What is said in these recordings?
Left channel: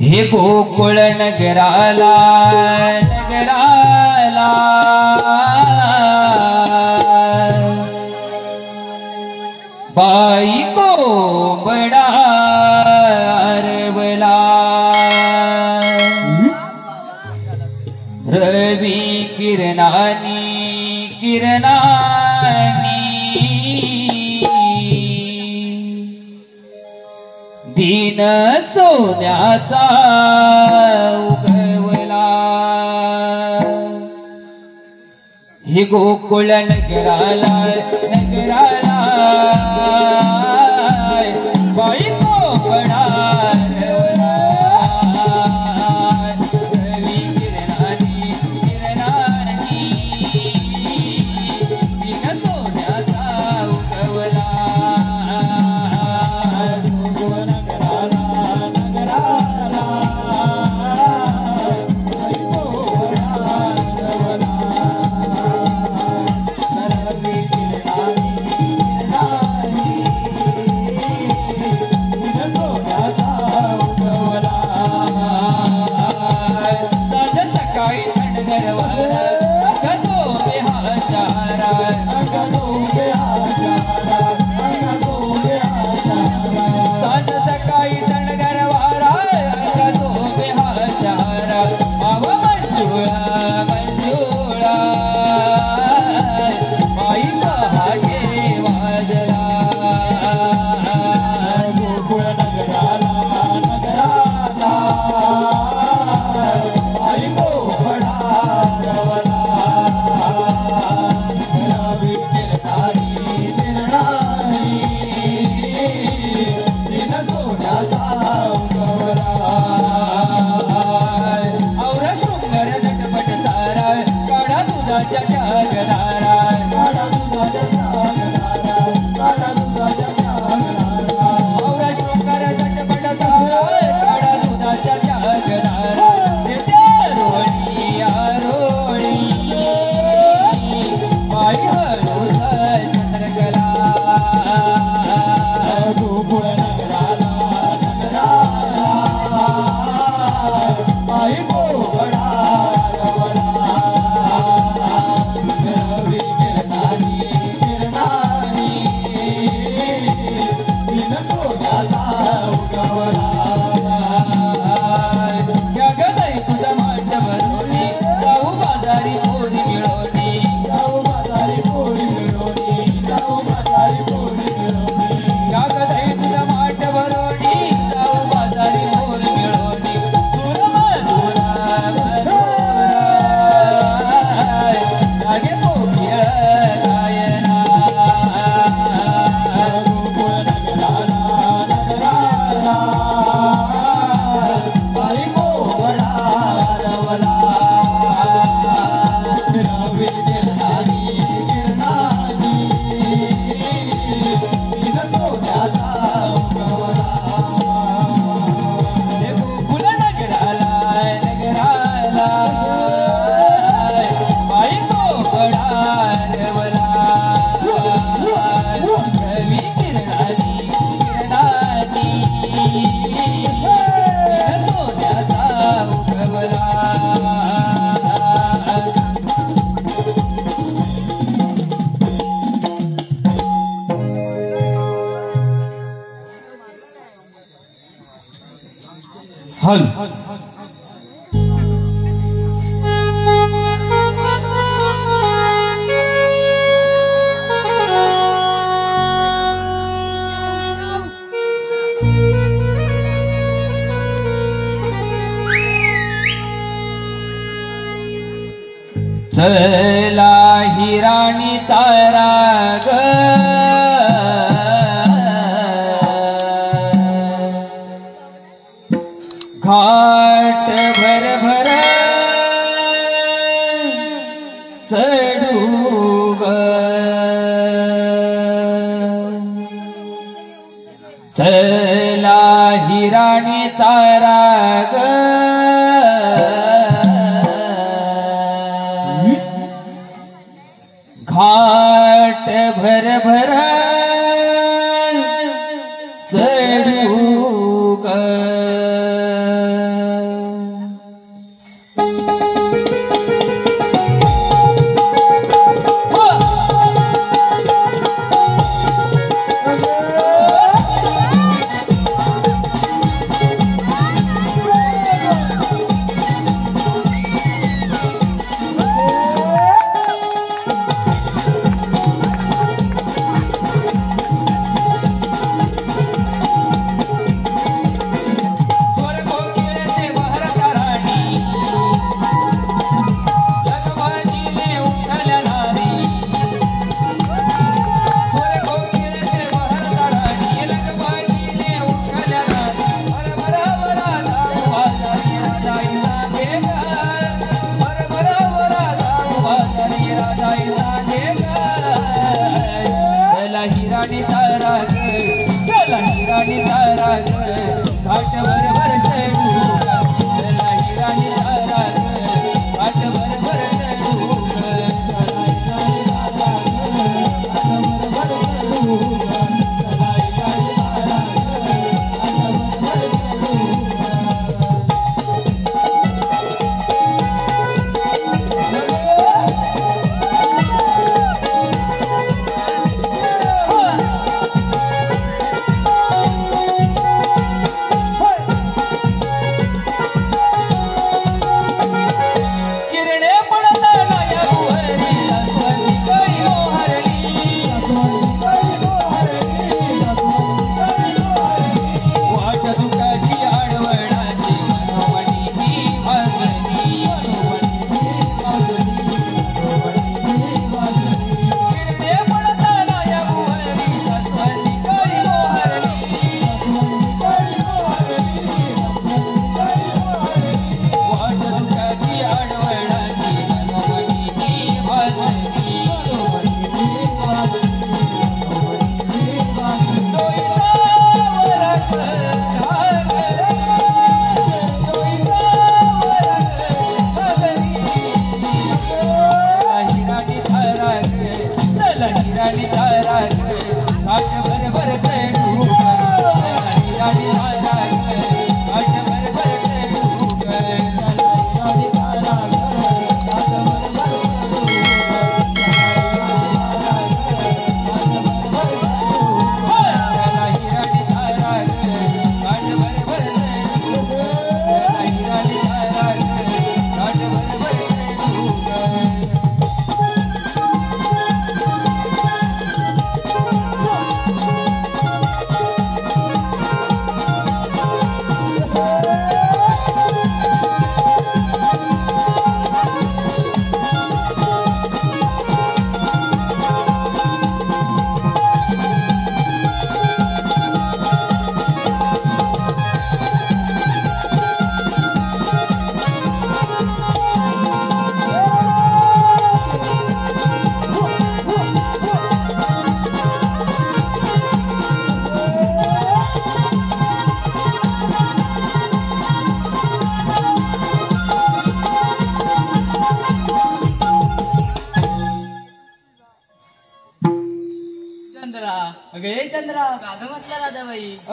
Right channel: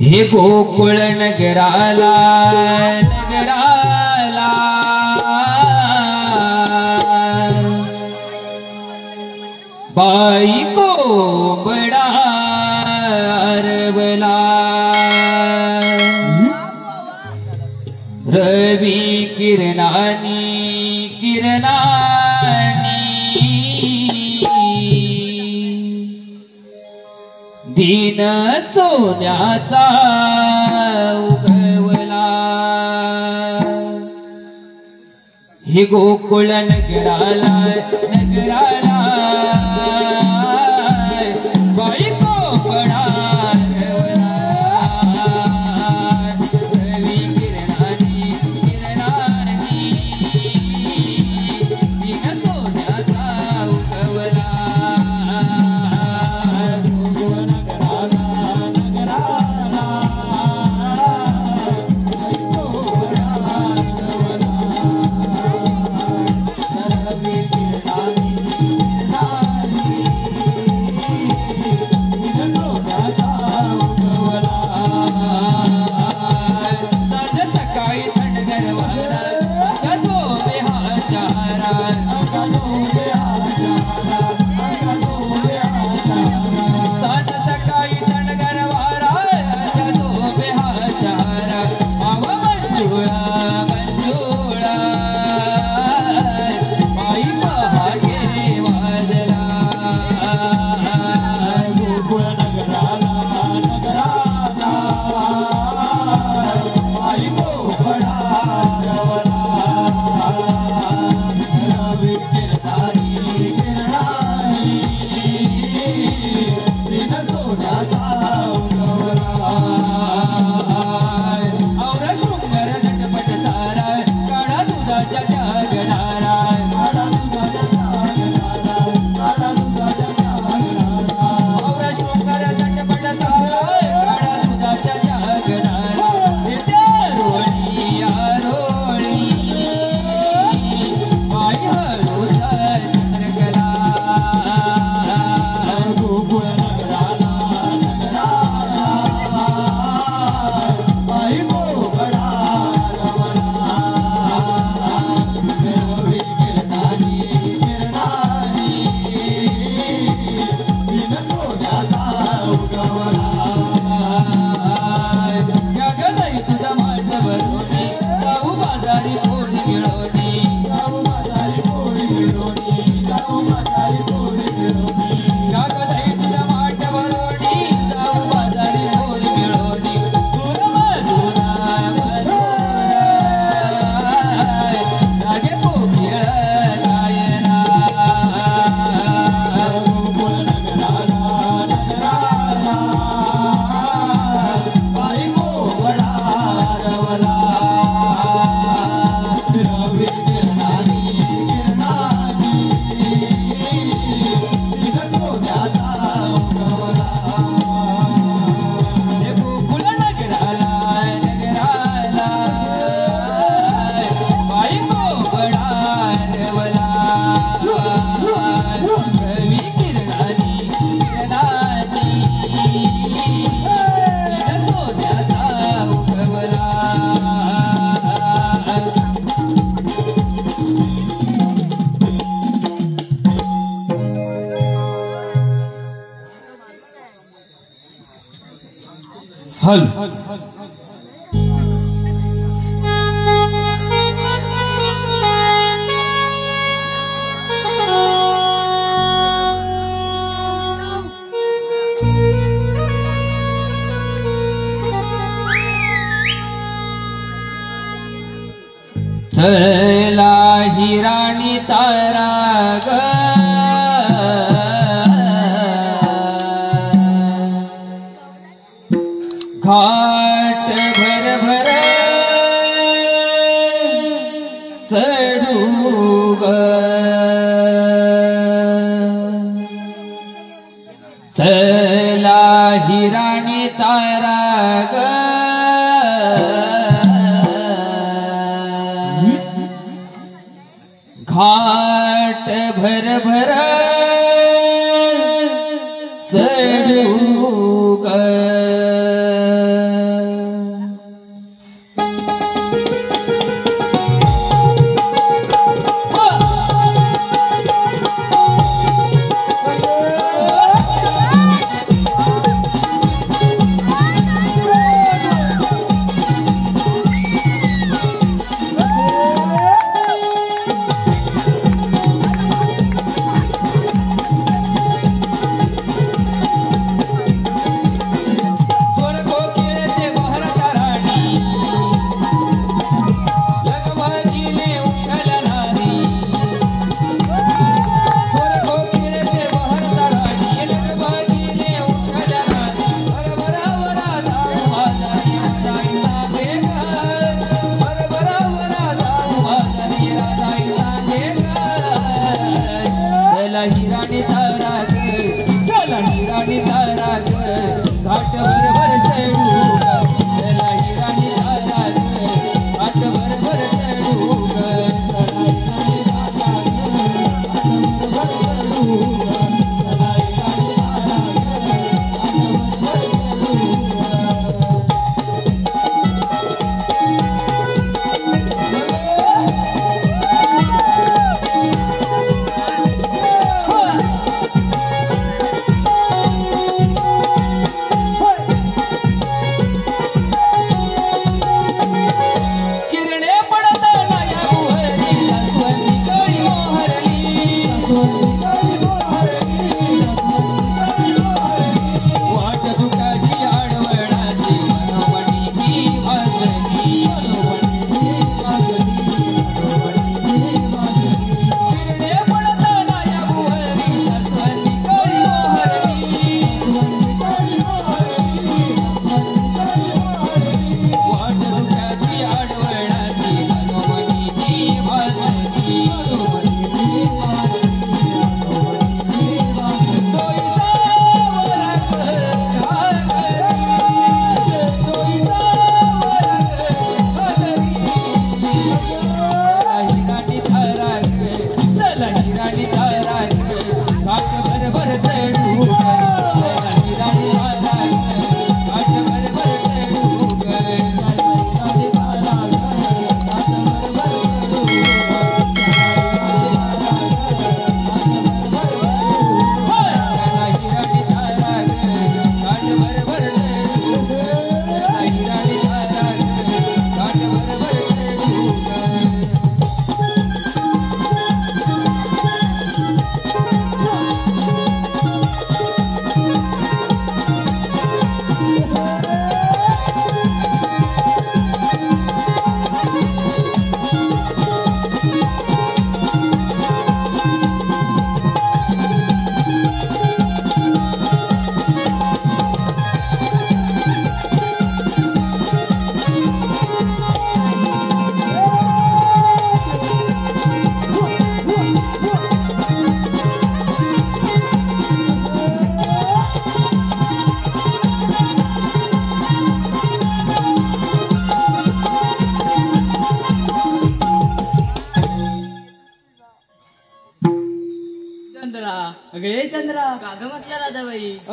हे गोकुळ नगराला नगराला बाई को बडा रवला रवी किरणानी दीन सोन्याचा उगवला हे गोकुळ नगराला नगराला बाई को बडा हल चला ही राणी तारा ग घाट भर भर चढू ग चला हिराणी तारा ग घाट भर भर चढू ग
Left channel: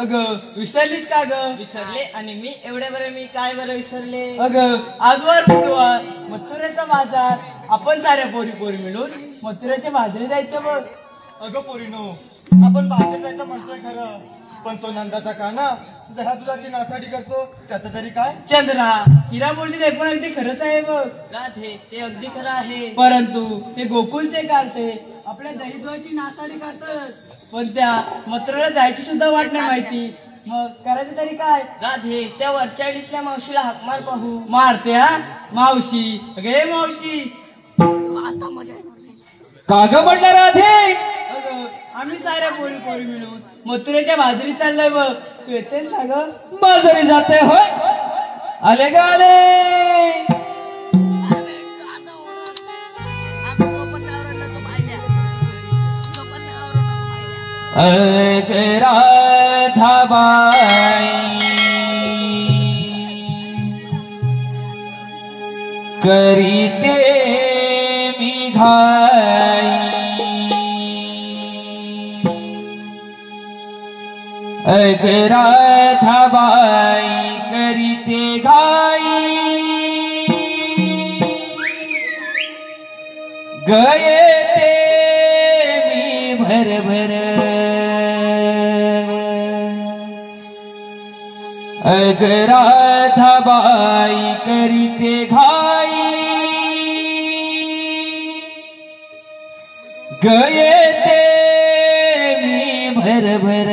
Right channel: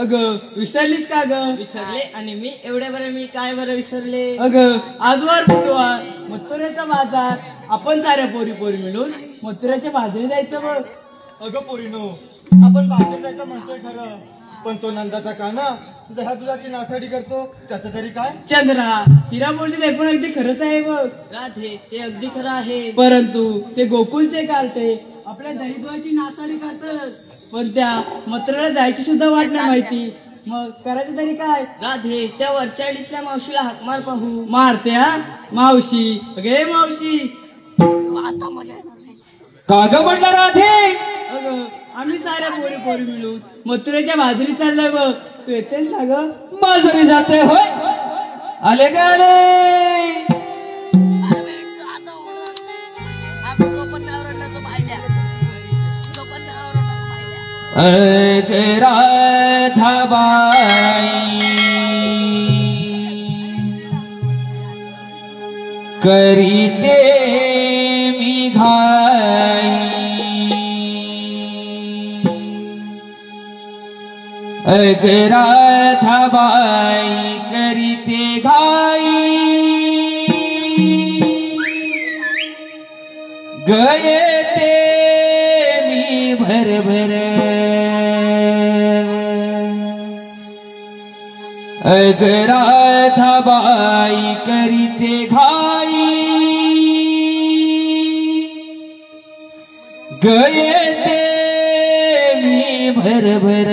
अगं विसरलीस का ग? विसरले आणि मी एवढ्या बरं मी काय बरं विसरले? अगं आजवार बुधवार मथुरेचा बाजार आपण साऱ्या पोरी पोरी मिळून मथुऱ्याच्या बाजारी जायचं मग. अगं पोरीनो आपण बाहेर जायचं म्हणतोय खरं पण तो नंदाचा काना जरा दुधाची नासाडी करतो त्याचं तरी काय? चंद्रा हिरा बोलले पण अगदी खरंच आहे बघ. राधे ते अगदी खरं आहे परंतु ते गोकुलचे कार्टे आपल्या दहीदुधाची नासाडी करतात पण त्या मथुरेला जायची सुद्धा वाट नाही माहिती. मग करायचं तरी काय? राधे त्या वरच्या इथल्या मावशीला हाक मार पाहू. मारते हा मावशी. अगे मावशी आता मजा काग म्हणला राधे अगं आम्ही साऱ्या पोरी पोरी मिळून मथुरेच्या बाजरी चाललोय बघ. तू येतेस ना ग? बाजारी जाते होय. आले का आले अकरा राधाबाई करीते मी घाई अग राधाबाई करीते घाई गये ते मी भरभर अग राधाबाई करीते घाई गये ते मी भरभर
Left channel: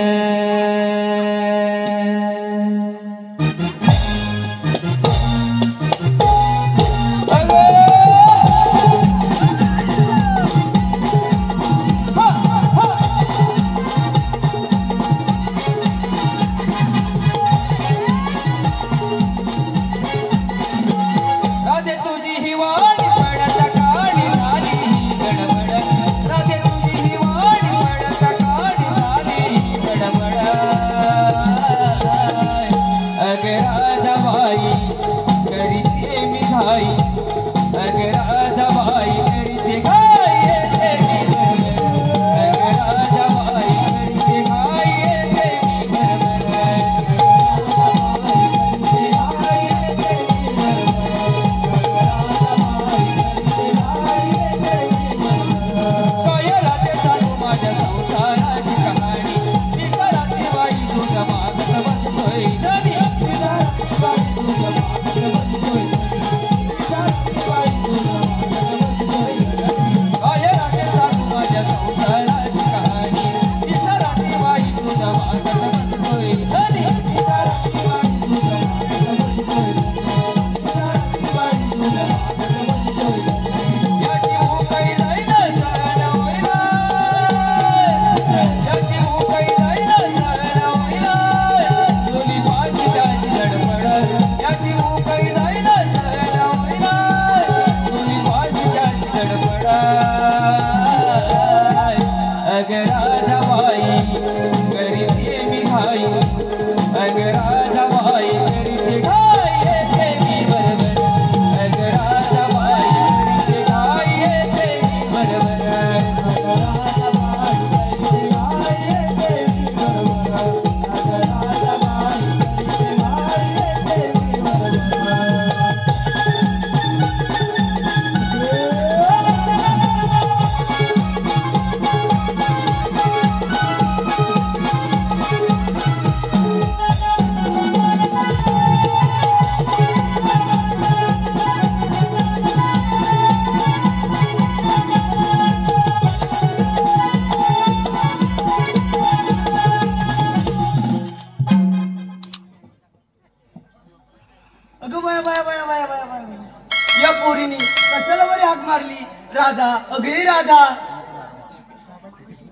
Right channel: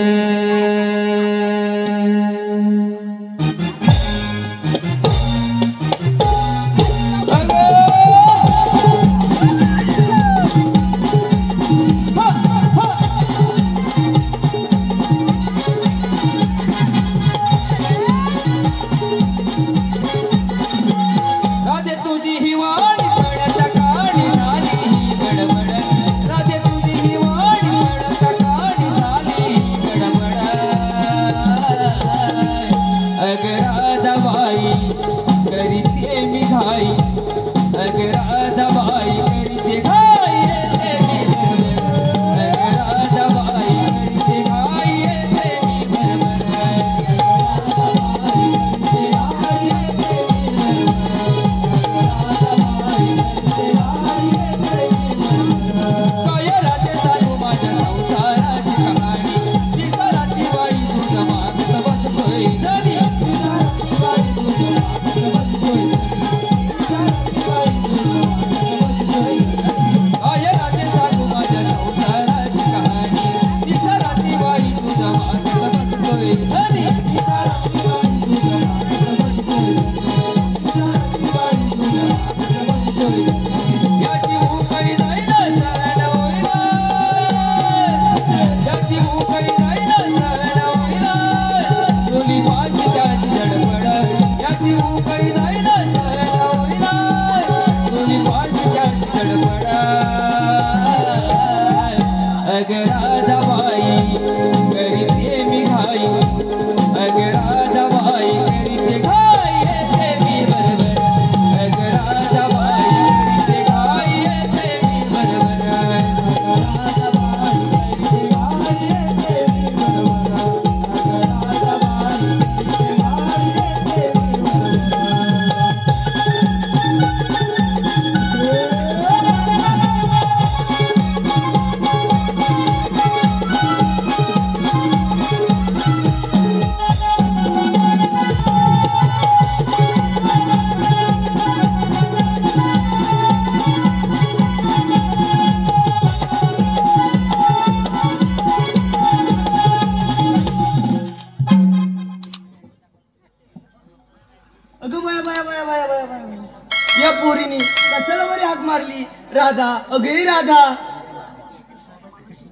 राधा अगे राधा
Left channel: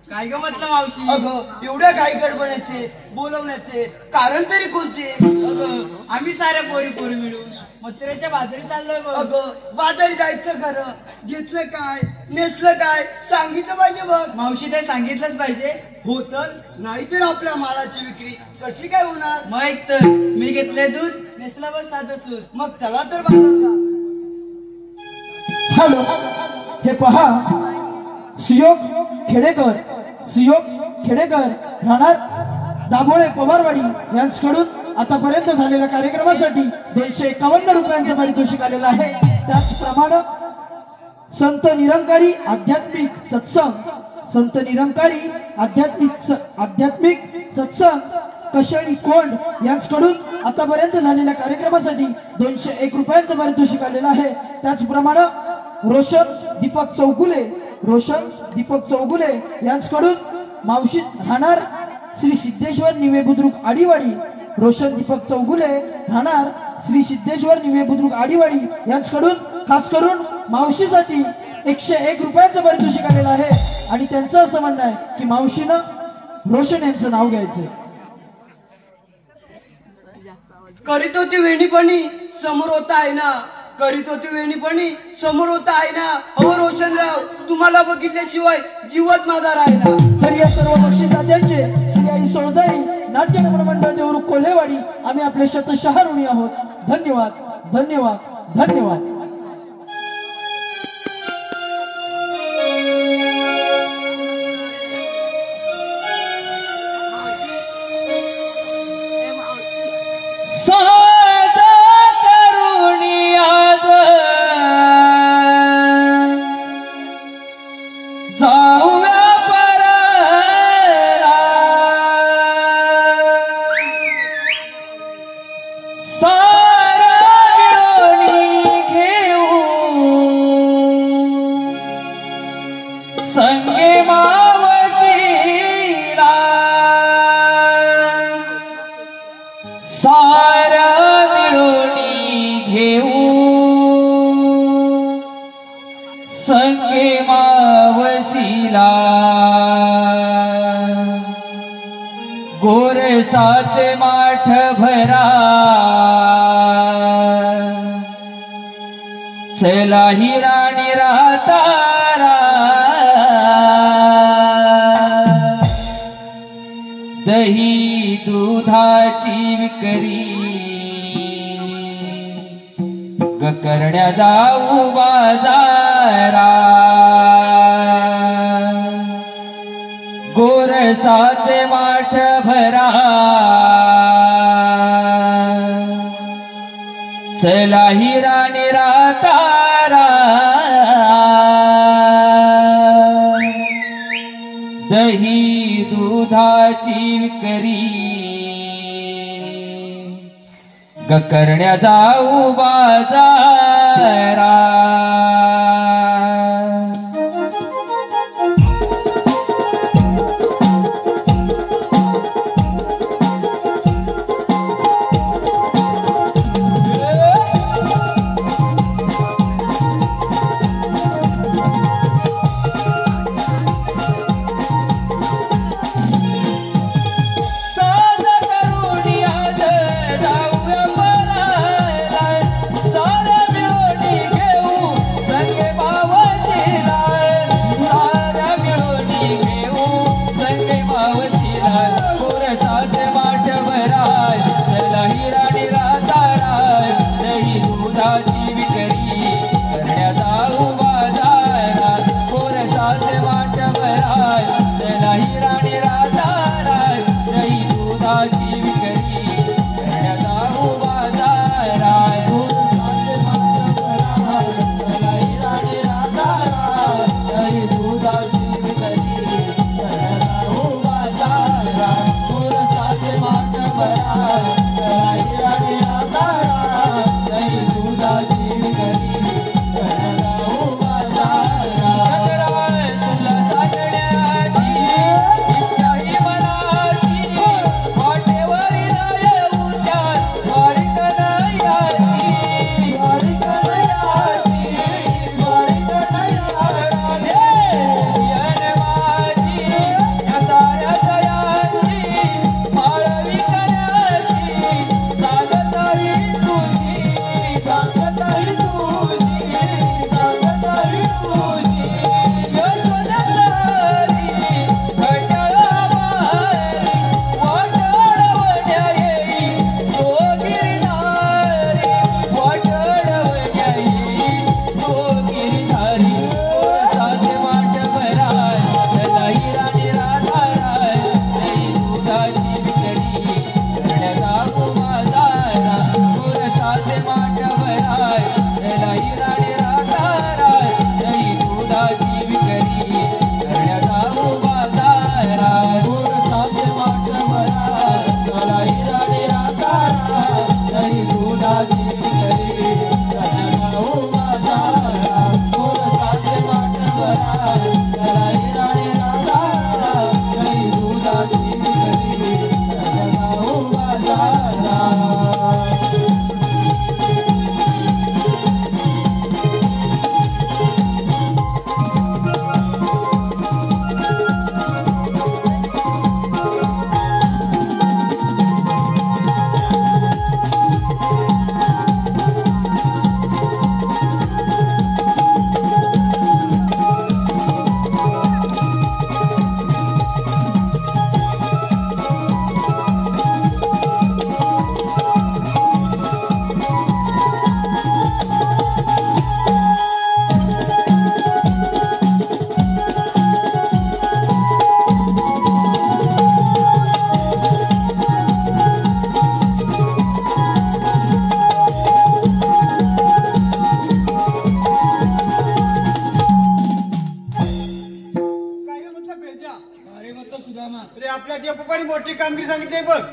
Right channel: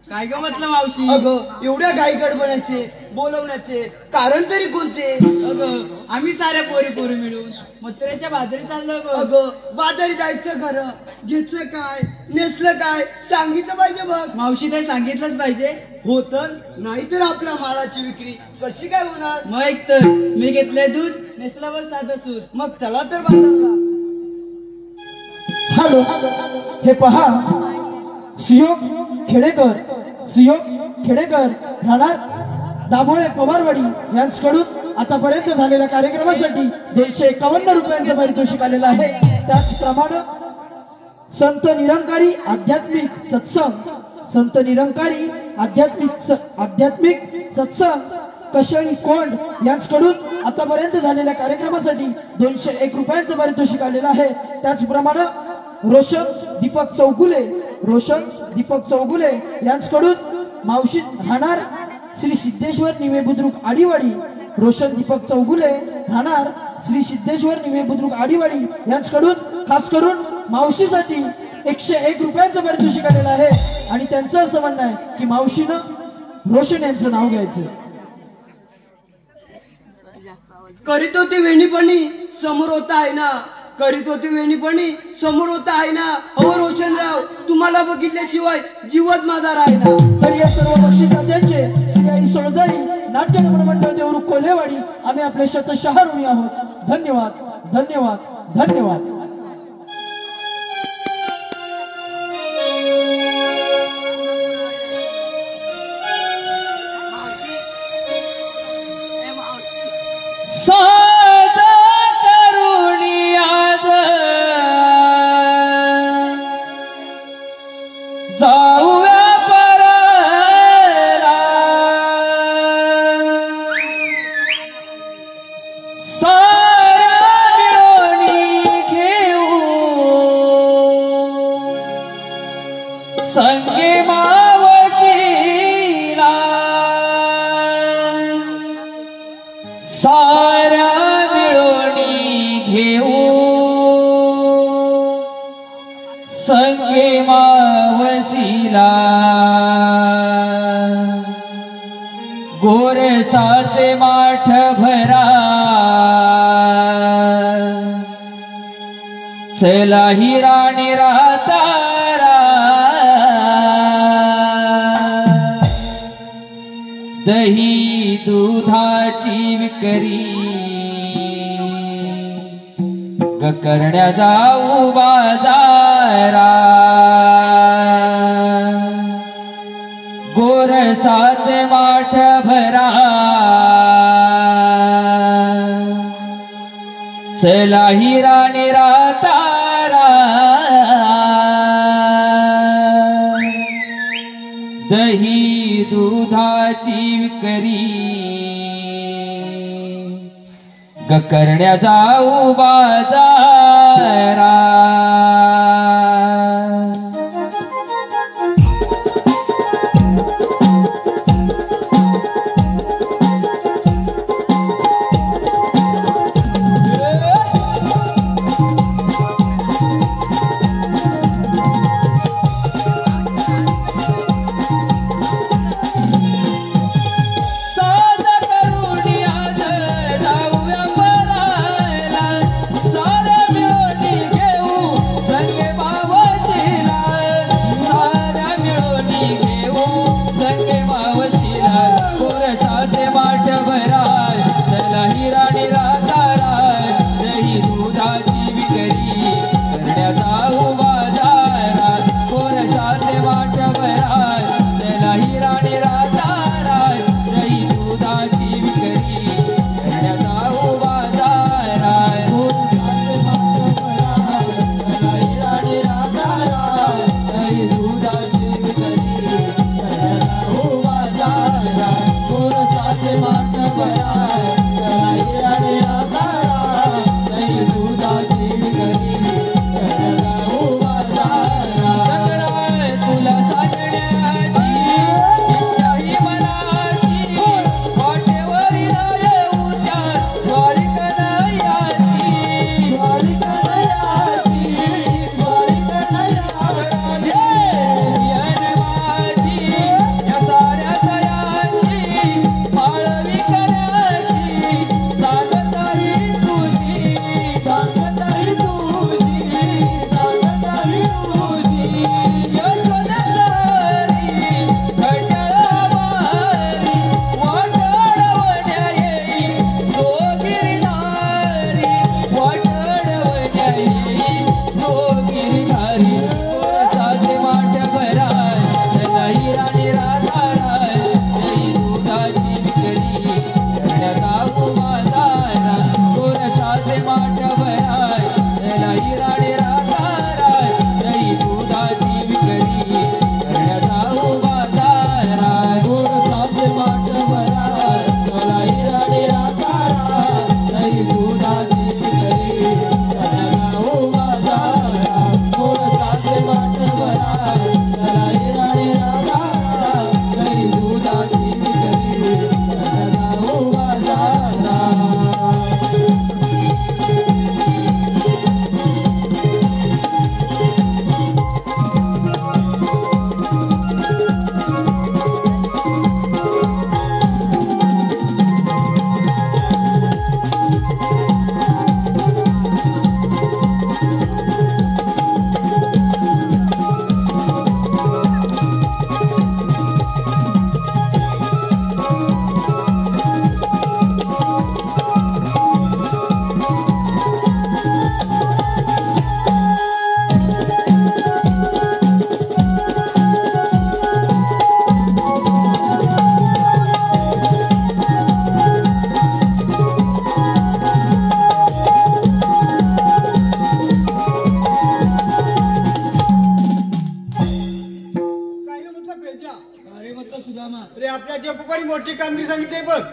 काय ग म्हटलं मावशी? अगं एवढ्या घाई गडबडाचे बोलवण्याचे कारण तरी कोणते? अगं आम्ही सारे पोरी पोरी मिळून मथुरेच्या बाजारी चाललोय बघ. अगं बाजारी जायचं घर घेतलं काय नेसलं काय सांगितलं पाहिजे बघ. मावशी ते सांगितलंच पाहिजे. हो तर नाहीतर आपल्या मालाची विक्री कशी काय होणार? मग एक तर मी घेतलंय दूध नेसला बघ साधं सूर. मग चला तर बाजारला. हॅलो, हे पहा सुयोग खेडेकर राहणार दाभोळे पवारवाडी यांच्याकडून आतापर्यंत झालेल्या कार्यक्रमासाठी 251 रुपयांचं पारितोषिक आलेलं आहे. त्याचप्रमाणे संत निरंकारी आध्यात्मिक सत्संग कशाळी कोंड यांच्याकडून आतापर्यंत झालेल्या कार्यक्रमासाठी 201 रुपयांचं पारितोषिक आलेलं आहे. त्याचप्रमाणे रोशन दीपक चौगुले यांच्याकडून मावशी राहणार श्री सिद्धेश्वर निवे बुद्रुक आडीवाडी. रोशन दीपक चौगुले राहणार श्री सिद्धेश्वर निवे बुद्रुक आडीवाडी यांच्याकडून खास करून मावशीसाठी 101 रुपयांचं पारितोषिक आलेलं आहे. आणि त्यांचं असं म्हणणं आहे की मावशीनं रोशन यांचं नाव घ्यायचं. करीत होती वेणीपणी समोर होता आहे ना, करीत होती वेणीपणी समोर होता आहे ना. अहो रोशनराव, तुम्हाला बघितल्याशिवाय जीवच माझा राहिला. तर या सर्व बक्षिसदात्यांचे श्री आई सोळजाई नाट्य रंगमंडळ मंडळ देवरुख कोल्हेवाडी आम्ही आपले शतशः ऋणी आहोत. धन्यवाद धन्यवाद धन्यवाद. गोरसाचे माठ भरा चला ही राणी रातारा दही दुधाची विकरी ग करण्या जाऊ बाजारा गोरसाचे माठ भरा चला ही राणी रातारा दही दुधाची विकरी ग करण्या जाऊ बाजारा. सारा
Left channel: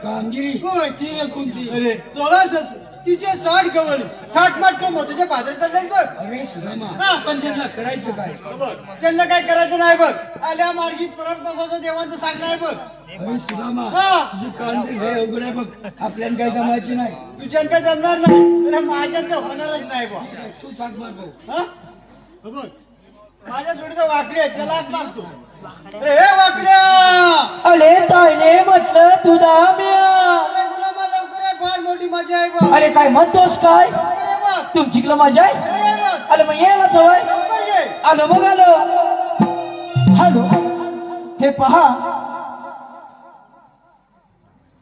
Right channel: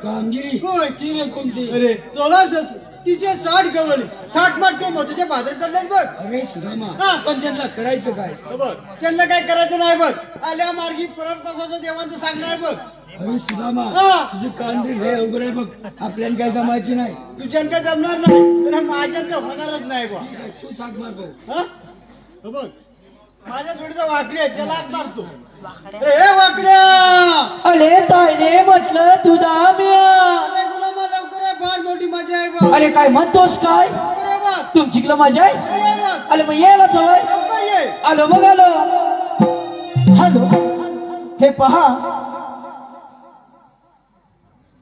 कामगिरी होय. ती रे कोणती अरे 16 तिचे 60 गवळ 60 माठ कोण मथुरेच्या बाजारात चाललंय बघ. अरे सुदामा हा. पण त्यांना करायचं काय बघ त्यांना काय करायचं नाही बघ. आल्या मार्गी परत बसायचं देवाचं सांगणार बघ. अरे सुदामा हा. तुझी कामगिरी हे उघड आहे बघ आपल्याला काही जमायची नाही तुझ्यानं काय जमणार नाही तर माझ्याचं होणारच नाही बघ. तू साथ मार बघ. हा? हो बघ माझ्या जोडीचा वाकडी आहे त्याला हात मारतो. ए वाकड्या अरे ताईने म्हटलं तू दाम्या. अरे गुलामा लवकर ये, फार मोठी मजा आहे बघ. अरे काय म्हणतोस काय लवकर ये बघ. तुमची मजा आहे अरे ये बघ. अरे मग यायला जवळ लवकर ये. आलो बघ आलो. हॅलो हे पहा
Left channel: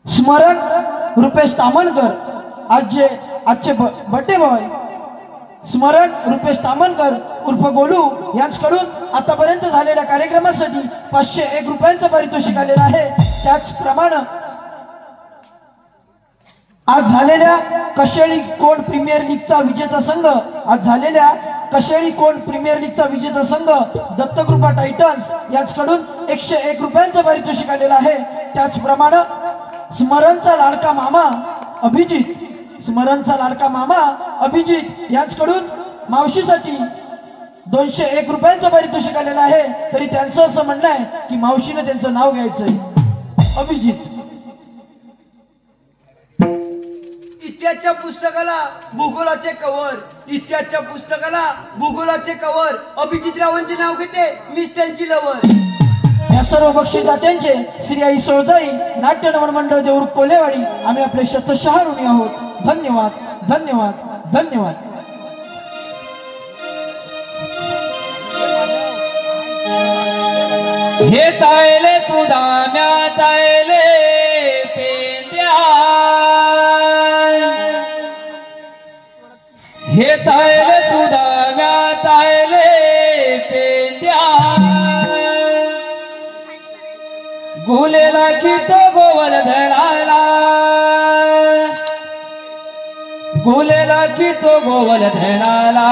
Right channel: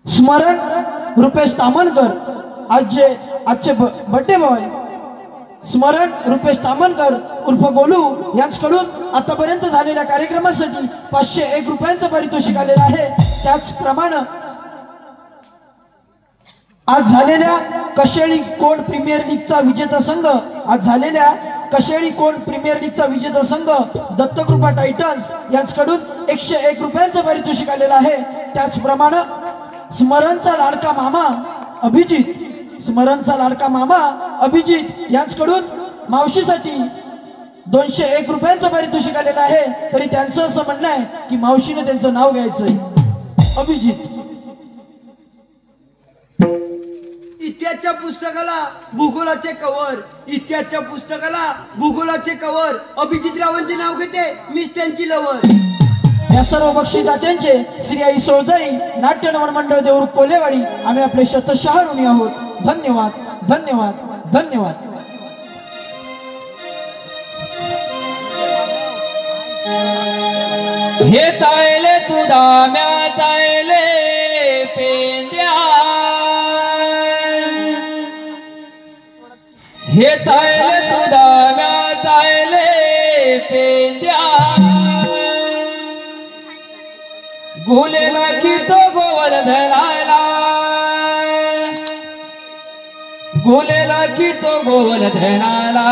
स्मरण रुपेश तामणकर आजचे बर्थडे बॉय स्मरण रुपेश तामणकर उर्फ गोलू यांच्याकडून आतापर्यंत झालेल्या कार्यक्रमासाठी 501 रुपयांचं पारितोषिक आलेलं आहे. त्याचप्रमाणे आज झालेल्या कशेळी कोण प्रीमियर लीगचा विजेता संघ दत्तकृपा टायटन्स यांच्याकडून 101 रुपयांचं पारितोषिक आलेलं आहे. त्याचप्रमाणे स्मरणचा लाडका मामा अभिजित यांच्याकडून मावशीसाठी 201 रुपयांचं पारितोषिक आलेलं आहे. तरी त्यांचं असं म्हणणं आहे की मावशीने त्यांचं नाव घ्यायचंय अभिजित. इतिहासच्या पुस्तकाला भूगोलाचे कवर अभिजितरावांचे नाव घेते मीच त्यांची लवर. या सर्व बक्षिसदात्यांचे श्री आई सोळजाई नाट्य नमन मंडळ देऊळ कोलेवाडी आम्ही आपले शतशः ऋणी आहोत. धन्यवाद धन्यवाद धन्यवाद. हे तायले तू दाम्या तायले पेंद्या हे तायले तू दाम्या तायले पेंद्या गुलेला की तो गोवर्धनाला गुलेला की तो गोवर्धनाला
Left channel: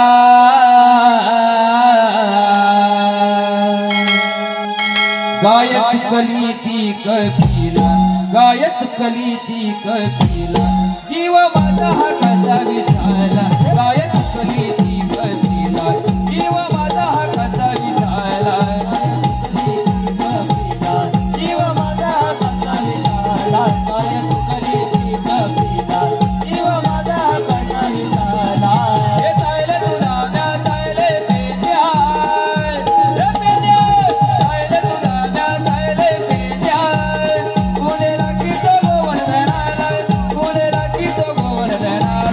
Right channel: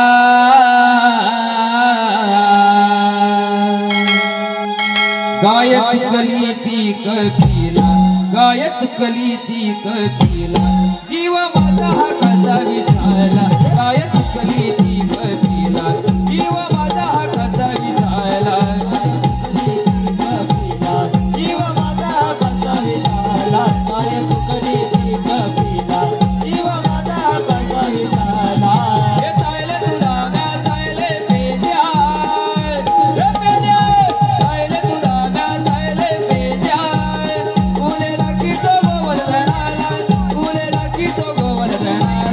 गायत कली ती कपिला जीव माझा हा कसा विचारला गायत कली ती कपिला जीव माझा हा कसा विचारला जीव माझा हा कसा विचारला गायत कली ती कपिला जीव माझा हा कसा विचारला हे तायले तुला म्या तायले पेद्या हे पेद्या तायले तुला म्या तायले पेद्या गुले राखी तो गोवर्धनाला गुले राखी तो गोवर्धनाला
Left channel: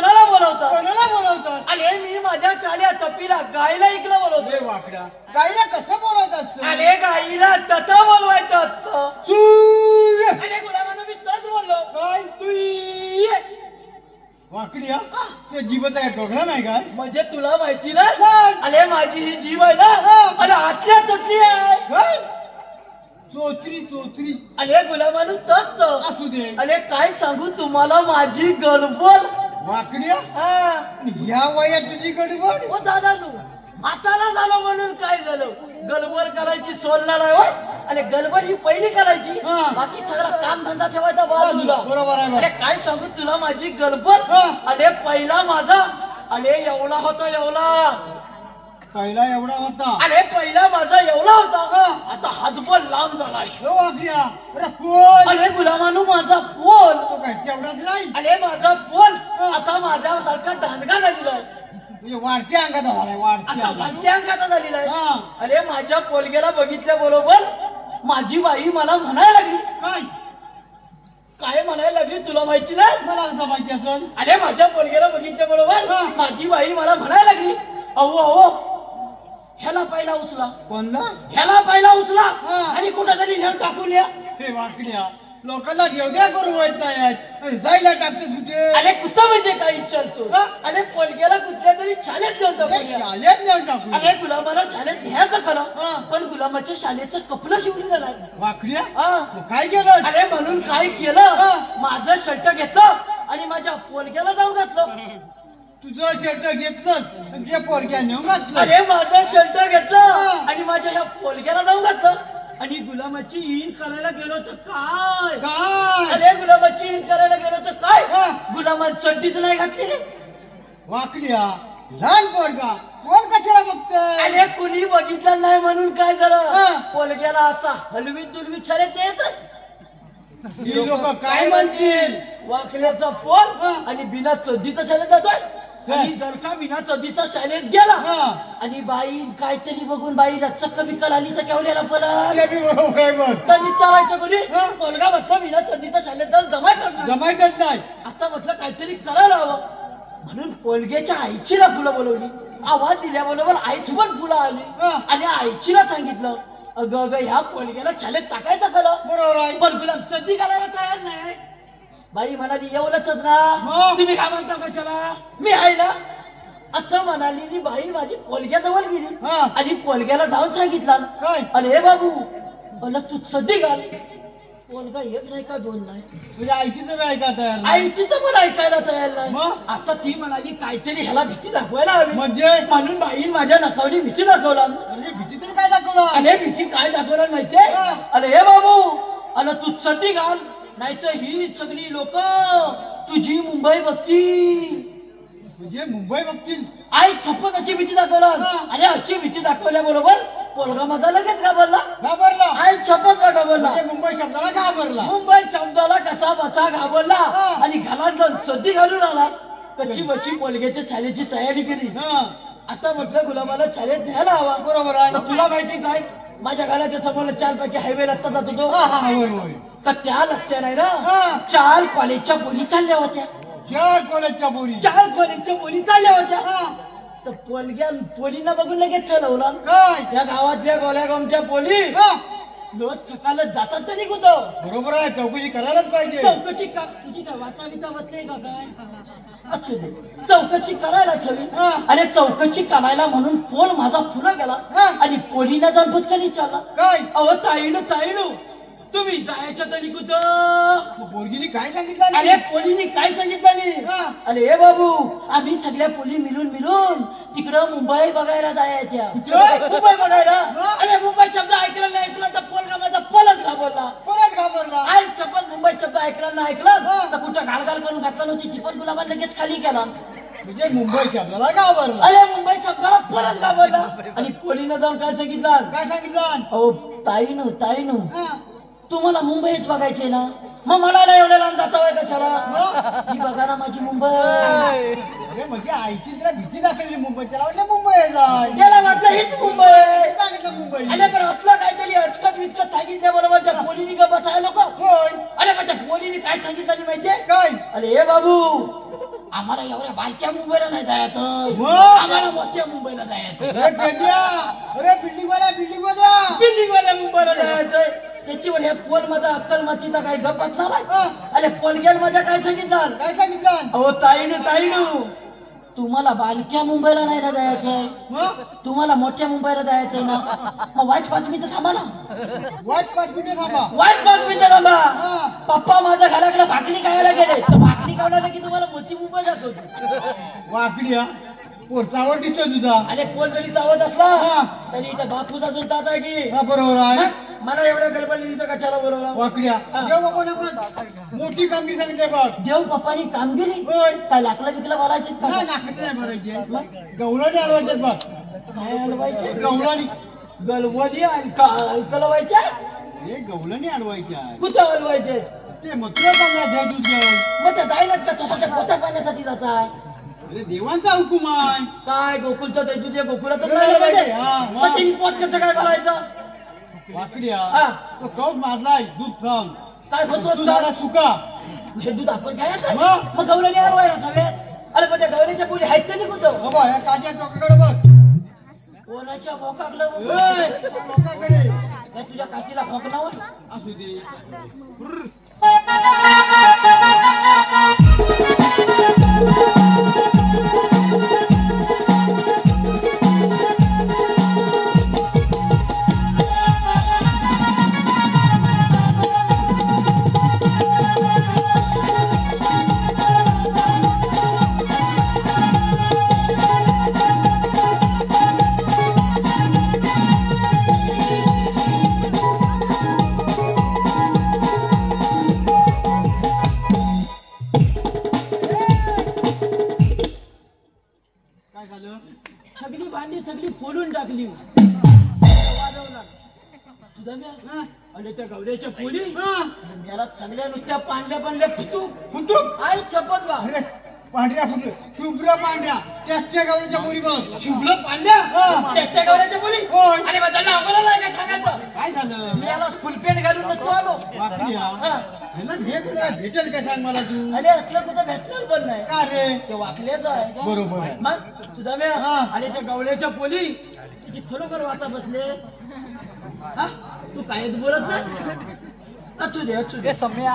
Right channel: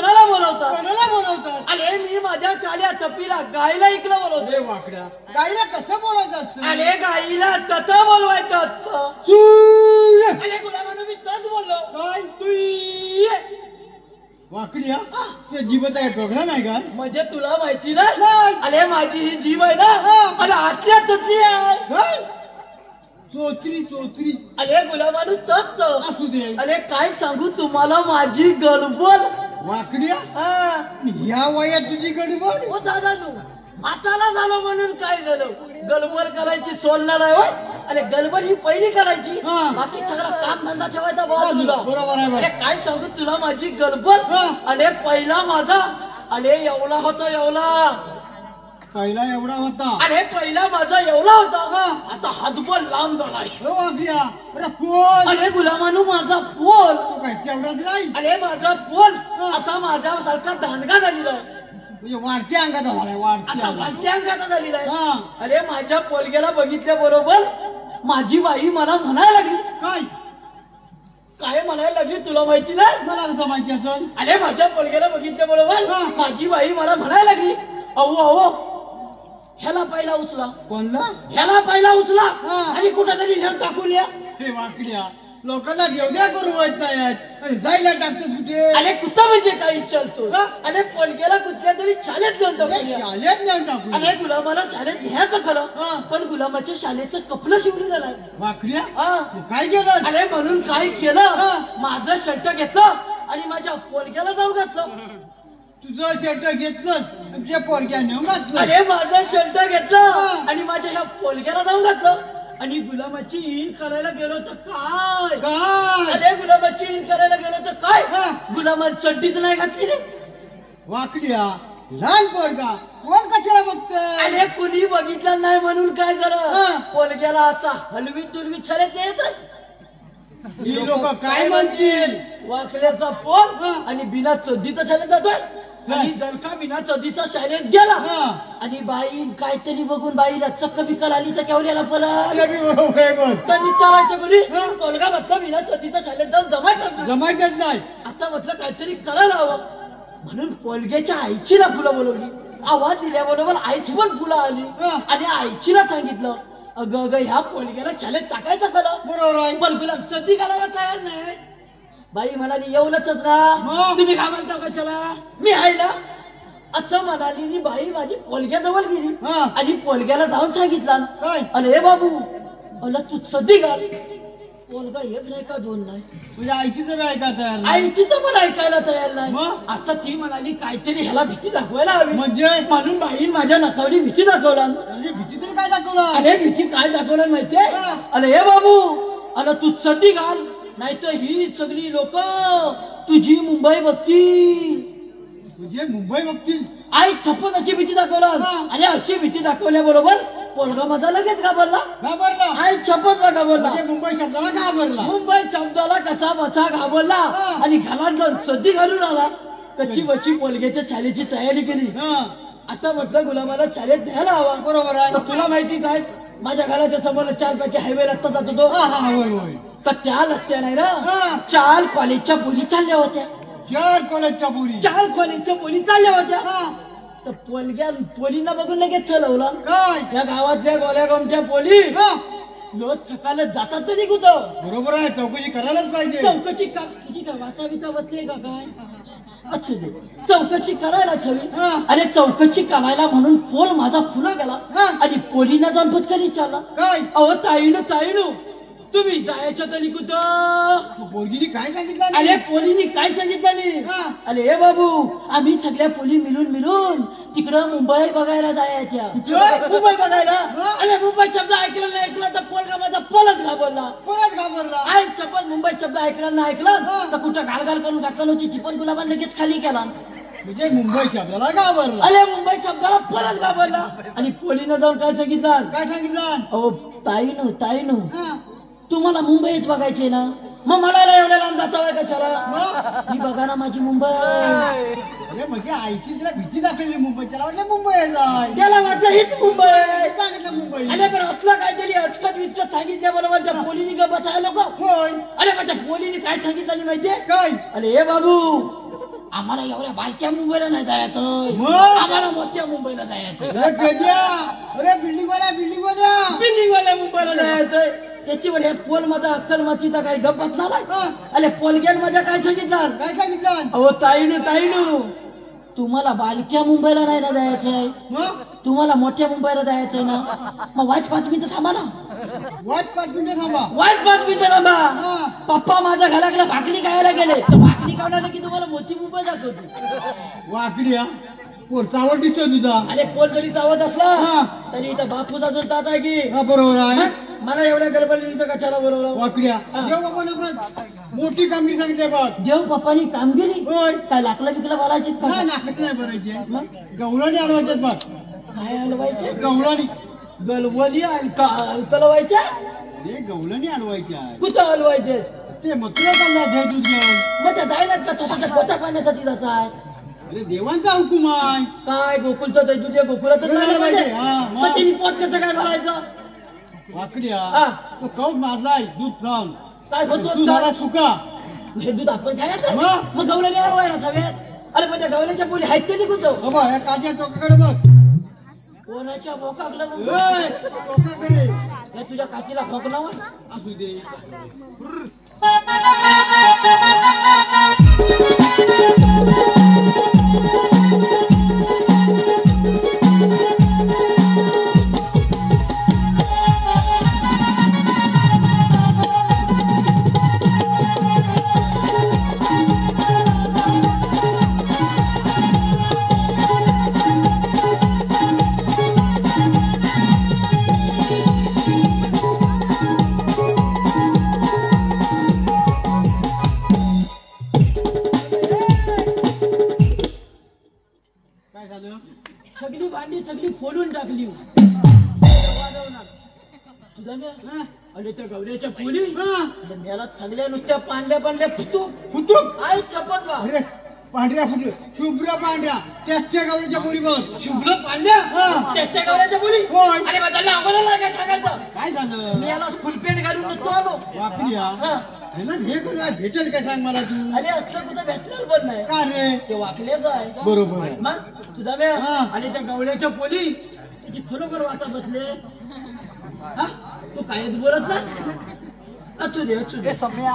कोणाला बोलवतात कोणाला बोलवतात? आणि मी माझ्या चाल्या तपीला गायला इकडं बोलवतो अरे वाकड्या, गाईला कसं बोलवत असतं? आणि गाईला तत बोलवायचं असतं सूर्य. आणि गुलाबानं मी तच बोललो काय? तू ये. वाकड्या, तुझ्या जीवाचा काय प्रोग्राम आहे काय? म्हणजे तुला माहिती ना काय? अरे माझी ही जीव आहे ना आणि आतल्या ततली आहे काय? चोचरी चोचरी अरे गुलाबानं तच असू दे. अरे काय सांगू तुम्हाला माझी गडबड वाकड्या, हा या वयात तुझी गडबड? ओ दादानू आताला झालो म्हणून काय झालं गडबड करायची सोडणार आहे आणि गडबड ही पहिली करायची हा. बाकी सगळं काम धंदा ठेवायचा बाजूला बरोबर आहे, बरोबर. अरे काय सांगू तुला माझी गडबड हा. अरे पहिला माझा अरे एवढा होतो एवढा पहिला एवढा होता. अरे पहिला माझा एवढा होता हा. आता हातभर लांब झालाय हो वाकड्या, अरे कोण? अरे गुलामानू माझा फोन तो काय तेवढाच नाही? अरे माझा फोन हा. आता माझ्यासारखा दांडगा झालेला आहे म्हणजे वाढत्या अंगात झालाय, वाढत्या आता अंगात. वाढत्या अंगाचा झालेला आहे हा. अरे माझ्या पोरगेला बघितल्या बरोबर माझी बाई मला म्हणायला लागली काय? काय म्हणायला लागली तुला माहिती ना मला कसं माहिती असेल? अरे माझ्या पोरगेला बघितल्या बरोबर हा. माझी बाई मला म्हणायला लागली अहो अहो ह्याला पहिला उचला कोणला? ह्याला पहिला उचला हा. आणि कुठेतरी नेऊन टाकून या हे वाकड्या, लोकांना घेऊद्या करून वाईट नाही अरे जायला टाकतेस कुठे? अरे कुठं म्हणजे काय विचारतो हा. अरे पोरगेला कुठल्या तरी शाळेत घेऊन अरे टाकून शाळेत नेऊन टाकू. अरे गुलाबाला शाळेत घ्यायचं हा. खरं पण गुलाबाच्या शाळेचं कपडं शिवलेलं नाही वाकड्या, हा. तू काय केलं? अरे म्हणून काय केलं हा. माझं शर्ट घेतलं आणि माझ्या पोरग्याला जाऊन घातलं तुझं शर्ट घेतलं, तुझ्या पोरग्याने घातलं. अरे माझं शर्ट घेतलं हा. आणि माझ्या ह्या पोरग्याला जाऊन घातलं आणि गुलाबाची ईन करायला गेलो तर काय काय? अरे गुलाबाची ईन करायला गेलो तर काय हा. गुलाबाला चड्डीच नाही घातली रे वाकड्या, लहान पोरगा कोण कशाला बघतोय? अरे कुणी बघितलं नाही म्हणून काय हा. झालं पोरग्याला असा हलवीत दुलवीत शाळेत येत ही लोक काय म्हणतील? वाकड्याचा हा. पोर आणि बिना चड्डीचा शाळेत जातोय आणि जर का बिना चड्डीचा शाळेत गेला हा. आणि बाई काहीतरी बघून बाईला चक्क बिकल आली तर केवढ्याला पण अरे मी बरोबर आहे बघ. त्यांनी चालायचं कोणी हा. मुलगा म्हटलं बिना चड्डीचा शाळेत जाऊन जमायचं जमायचंच नाही. आता म्हटलं काहीतरी करायला हवं म्हणून पोलग्याच्या आईचीला फुलं बोलवली आवाज दिल्याबरोबर आईची पण फुलं आली हा. आणि आईचीला सांगितलं अगं अगं ह्या पोलग्याला शाळेत टाकायचं खरं बरोबर आहे. पण गुलाब चड्डी करायला तयार नाही बाई म्हणाली एवढंच ना मग? तुम्ही काय म्हणता कशाला मी आहे ना असं म्हणाली आणि बाई माझी पोलग्याजवळ गेली हा. आणि पोलग्याला जाऊन सांगितलं काय? अरे बाबू मला तू सध्या घाल पोलगा एक नाही का दोन नाही म्हणजे आईशीच वेळ ऐका तयार नाही. आईची तर पण ऐकायला तयार नाही मग? आता ती म्हणाली काहीतरी ह्याला भीती दाखवायला हवी म्हणजे? म्हणून बाई माझ्या नकावडी भीती दाखवला म्हणजे भीती तरी काय दाखवणार? अरे भीती काय दाखवलं माहितीये हा. अरे हे बाबू अरे तू चड्डी घाल नाहीतर ही सगळी लोक तुझी मुंबई बघती म्हणजे मुंबई बघतील. आई छप्पनाची भीती दाखवला हा. आणि अशी भीती दाखवल्याबरोबर पोरगा माझा लगेच घाबरला घाबरला. आई छप्पन का घाबरला म्हणजे मुंबई शब्दाला घाबरला. मुंबई शब्दाला कचा बचा घाबरला हा. आणि घरात जाऊन सद्दी घालून आला कशी बशी पोलग्याच्या शाळेची तयारी केली हा, आता म्हटलं गुलाबाला शाळेत द्यायला हवा बरोबर आहे. तर तुला माहितीच आहे माझ्या घराच्या समोर 4 पैकी हायवे रस्ता जातो तो हा, हा, होय, होय. तर त्या रस्त्याने ना हा. 4 कॉलेजच्या मुली चालल्या होत्या 4 कॉलेजच्या पोरी. 4 कॉलेजच्या मुली चालल्या होत्या हा, तर पोलींना बघून लगेच चलवला काय? या गावातल्या गोल्यागावच्या पोली हा, रोज सकाळला जातात तरी कुठं बरोबर आहे. चौकशी करायलाच पाहिजे. चौकशी तुझी काय वाचा विचा बसली का काय अच्छा चौकशी करायलाच हवी हा. आणि चौकशी करायला म्हणून पोल माझा फुला गेला हा. आणि पोलीला जाऊन पटकन विचारला काय? अहो ताईनू तुम्ही जायच्या तरी कुठं पोरगीने काय सांगितलं? अरे पोलीने काय सांगितलं हा. अरे हे बाबू आम्ही सगळ्या पोली मिळून तिकडं मुंबई बघायला जायच्या कुठं? मुंबई बघायला हा. अरे मुंबई शब्द ऐकला तर पोरगा माझा पलच घाबरला परत घाबरला. आई शपथ मुंबई शब्द ऐकला ना ऐकला हा. तर कुठं घालघाल करून घातला नव्हती ती पण गुलाबा लगेच खाली केला म्हणजे मुंबई शब्दाला घाबरला. अरे मुंबई शब्दाला परत घाबरला आणि पोलीनं जाऊन काय सांगितलं काय सांगितलं? अहो ताईनू हा, तुम्हाला मुंबईच बघायचे ना मग मला नाही एवढ्या लांब जाता काय कशाला मग? ही बघा ना माझी मुंबई अरे म्हणजे आईची तुला भीती दाखवली मुंबईच्या. म्हणजे मुंबईला जाय. त्याला वाटलं हीच मुंबई आहे. सांगितलं मुंबई. अरे पण असलं काहीतरी अचकत विचकत सांगितल्या बरोबर त्या पोलीनी का बसायला नको होय. अरे माझ्या पोलीने काय सांगितलं माहितीये काय? अरे हे बाबू आम्हाला एवढ्या बायक्या मुंबईला नाही जायचं, मग? आम्हाला मोठ्या मुंबईला जायचं. अरे गद्या, अरे बिल्डिंग वाला बिल्डिंगवाल्या मुंबईला जायचंय. त्याच्यावर हे पोल मध्ये अक्कल मची तर काही गप्पत झालाय. हा. अरे पोलग्यान माझ्या काय सांगितलं? काय सांगितलं अहो ताईनू तुम्हाला बालक्या मुंबईला नाही ना जायचंय, मग तुम्हाला मोठ्या मुंबईला जायचंय ना. मग वाच 5 मिनिटं थांबा ना, वाट 5 मिनिटं थांबा. वाच 5 मिनिटं थांबा. हा. पप्पा माझ्या घराकडे भाकरी खायला गेले, तर भाकरी खावण्याला की तुम्हाला मोठी मुंबई जात होती. वाकड्या पोरचावर दिसतो तुझा. अरे पोल जरी चावत असला हा. तरी इथं बापूचा जुळतात आहे की. हा, बरोबर आहे. मला एवढ्या गडबडीने इथं कशाला बोलवलं? वाकड्या हा. जेव्हा बाबा बघ मोठी कमी सांगितली बघ. जेव्हा पप्पानी काम केली होय. काय लाकला बिकला बोलायचीच का? नाही नाकच नाही भरायचे. गवळणी आणवायचे बघ. काय आणवायचे? गवळणी गलवणी हलवायच्या. हे गवळणी आणवायचे आहे. कुठं हलवायचे? ते मथुरा पण घे तुझं. मग त्या जायनात का स्वतःच्या पोटा पाण्यासाठी जाता? अरे देवांचा हुकुम आहे. काय गोकुलचं ते तुझ्या गोकुळातच हा, जायला पाहिजे. हा, हा. मग ते पोट कसं काय भरायचं? वाकड्या हा. तो कौट मारलाय दूध फ्रॉम काय म्हणतोस तू का? झाला सुका. हे दूध आपण खायचं? मग? मग गवळणी आणवायला सगळ्यात. अरे मग त्या गवळीच्या पोली आहेत तरी कुठं? बाबा हे ताज्या टोकाकडे बघ. कोणाच्या भोकाकडं ए, बघ. टोकाकडे काय तुझ्या काकीला खोकलावर? असू दे. काय झालं? सगळी भांडी सगळी फोडून टाकली. सुधाम्या, हा? आणि त्या गवऱ्याच्या पोली हा? याला सगळ्या नुसत्या पांढऱ्या पडल्या पितू. कुठं? आई चपत बा. अरे पांढऱ्या फुटलं. शुभ्र पांढऱ्या त्याच्या गावच्या पुरी बघ. शुभ्र पांढऱ्या हा. त्याच्या गवऱ्याच्या पोली. होय. आणि मग त्याला आम्हाला नाही काय सांगायचं? काय झालं? मी याला फुलपेंट घालून नसतो आलो. वाकड्या हा. ह्याला भेटेल काय सांग मला तू. अरे असलं कुठं भेटणार पण नाही. का रे? ते वाकल्याचं आहे. बरोबर आहे. मग सुधाम्या हा. आणि त्या गवळ्याच्या पोली त्याची खरोखर वाचा बसले. हा? तू कायच बोलत नाही? असू दे सुधाम्या.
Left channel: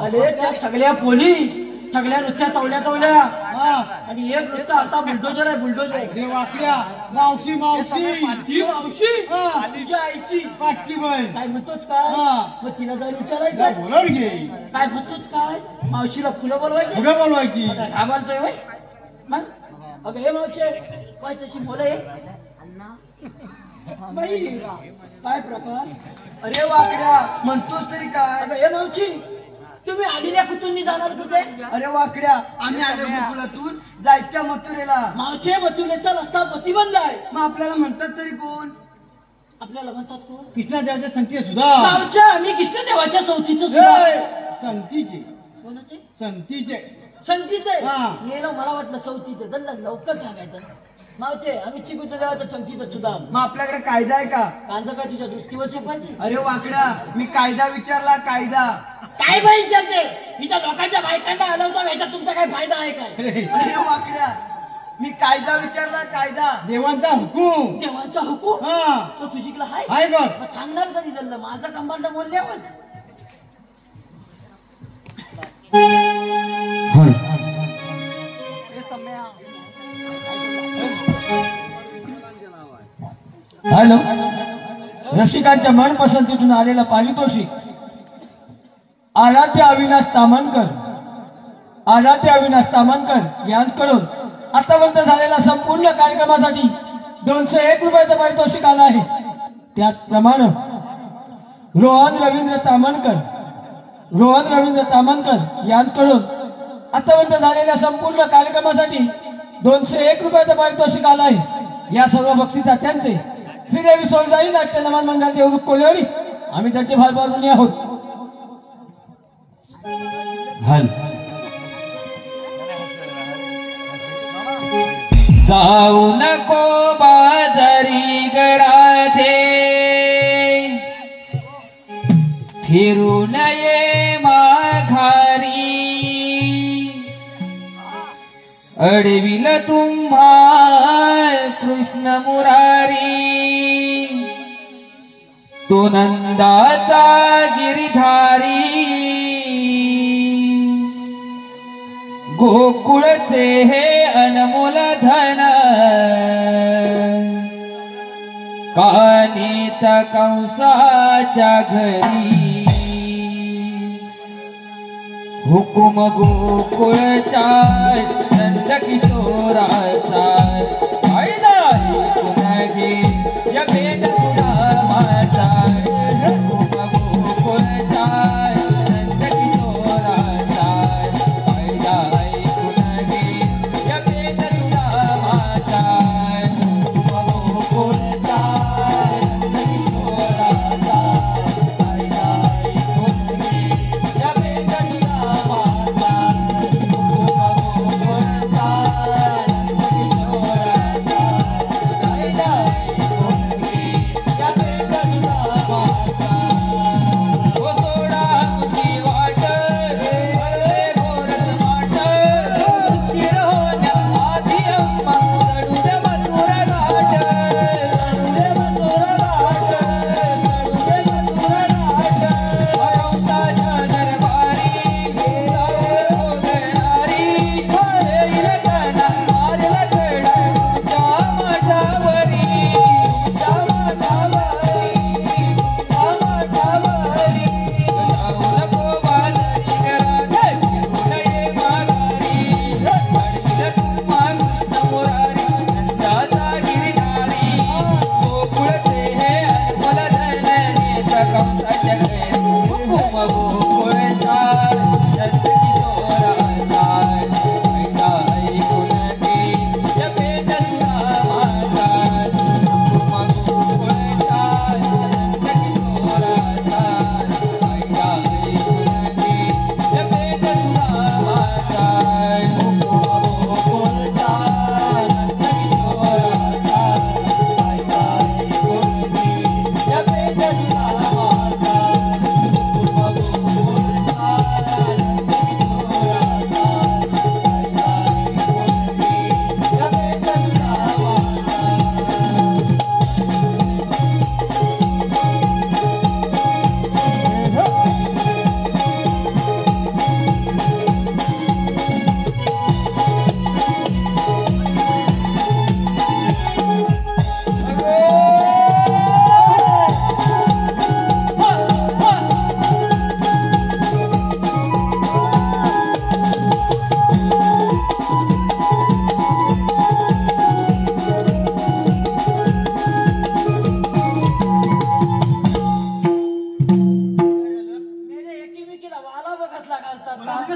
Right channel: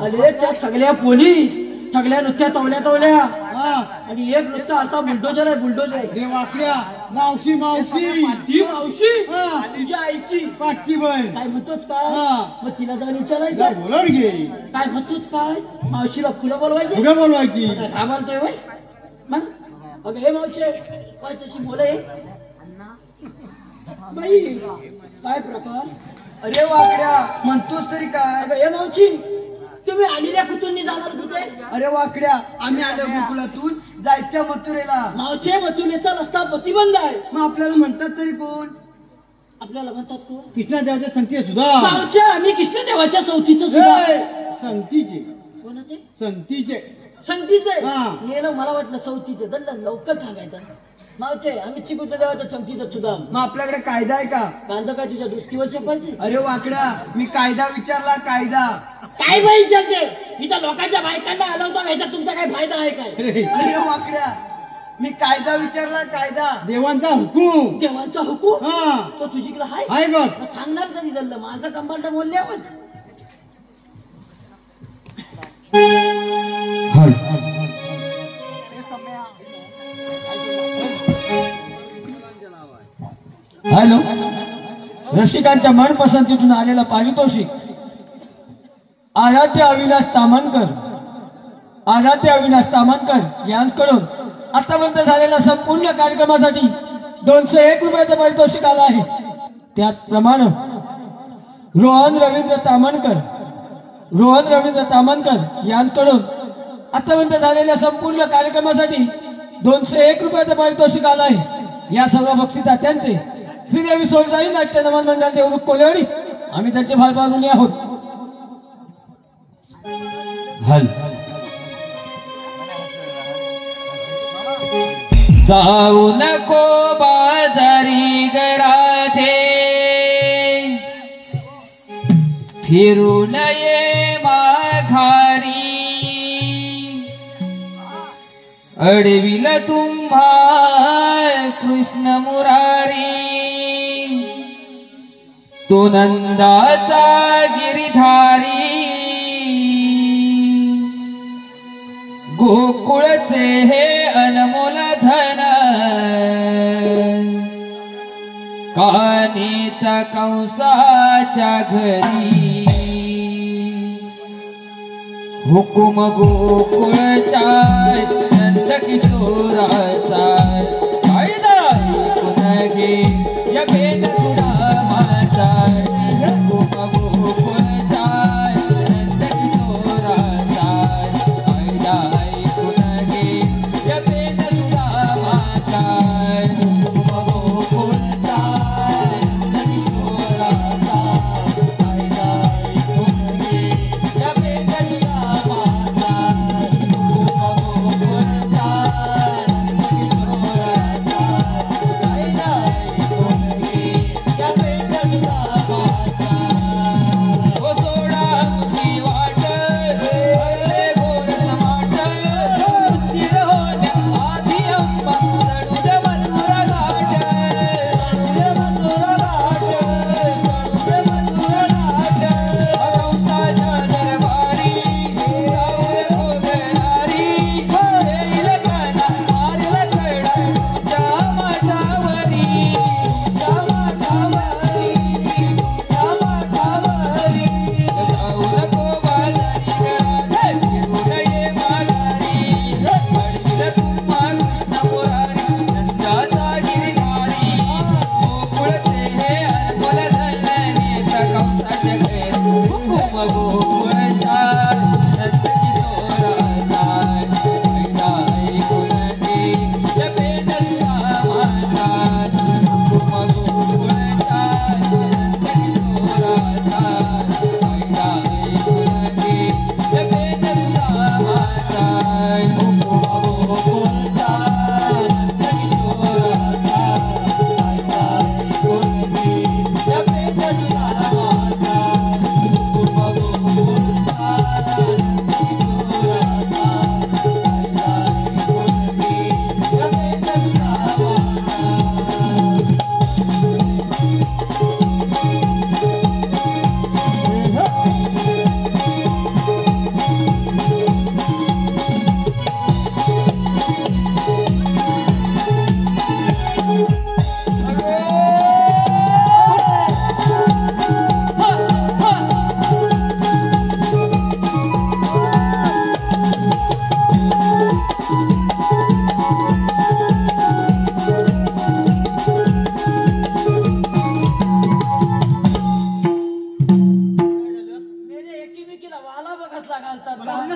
अरे त्या सगळ्या पोली सगळ्या नुसत्या तवड्या हा. आणि एक नुसता असा बुलडोजर आहे बुलडोजर. रे वाकड्या मावशी ती मावशी हा. तुझ्या आईची पाठची बहीण. काय म्हणतोच काय? हा. मग तिला जाऊन विचारायचं बोलवर घे. काय म्हणतोच काय? मावशीला फुलं बोलवायची पुढं बोलवायची. काय म्हणतोय बाई? मग अगं हे मावशे काय तशी बोले बाई काय प्रकार? अरे वाकड्या म्हणतोस तरी काय? अगं हे मावशी तुम्ही आलेल्या कुठून जाणार तिथे? अरे वाकड्या आम्ही आलो गोकुळातून जायच्या मथुरेला. मावशे मथुरेचा रस्ता प्रतिबंध आहे. मग आपल्याला म्हणतात तरी कोण? आपल्याला म्हणतात कोण? कृष्णादेवाच्या संती सुद्धा. मावशे आम्ही कृष्णदेवाच्या सवतीचं सुद्धा. ए, संतीचे कोणाचे? संतीचे. संगतीचे. हा. गेलो मला वाटलं सवतीचे. दंड लवकर सांगायचं. मावशे आम्ही चिकूच्या देवाच्या संगतीचं सुद्धा. मग आपल्याकडे कायदा आहे का? कांदा काय तुझ्या दृष्टीवर चोपायची? अरे वाकड्या मी कायदा विचारला कायदा. काय बाई विचारते? इथं लोकांच्या बायकांना हलवता याचा तुमचा काय फायदा आहे काय? अरे वाकड्या मी कायदा विचारला कायदा. देवांचा हुकूम. देवांचा हुकूम हा. तो तुझीकडे आहे? आहे बघ. मग सांगणार कधी दंड? माझा कंबांड बोलले आपण. हॅलो, रसिकांच्या मनपसंतीतून आलेला पारितोषिक आराध्य अविनाश तामानकर यांच्याकडून आतापर्यंत झालेल्या संपूर्ण कार्यक्रमासाठी 201 रुपयाचं पारितोषिक आलं आहे. त्याचप्रमाणे रोहन रवींद्र तामानकर यांच्याकडून आतापर्यंत झालेल्या संपूर्ण कार्यक्रमासाठी 201 रुपयाचं पारितोषिक आलं आहे. या सर्व बक्षिसात्यांचे श्रीदेवी सोळजाई नाट्य नमन मंडळ देवरुख कोलेवाडी आम्ही त्यांचे फार ऋणी आहोत. जाऊ नको बाजारी गडाते फिरू नये माघारी अडविल तुम्हा कृष्ण मुरारी तो नंदाचा गिरिधारी गोकुळचे हे अनमोल धन कानीत कंसाच्या घरी हुकुम गोकुळचा नंद किशोराचा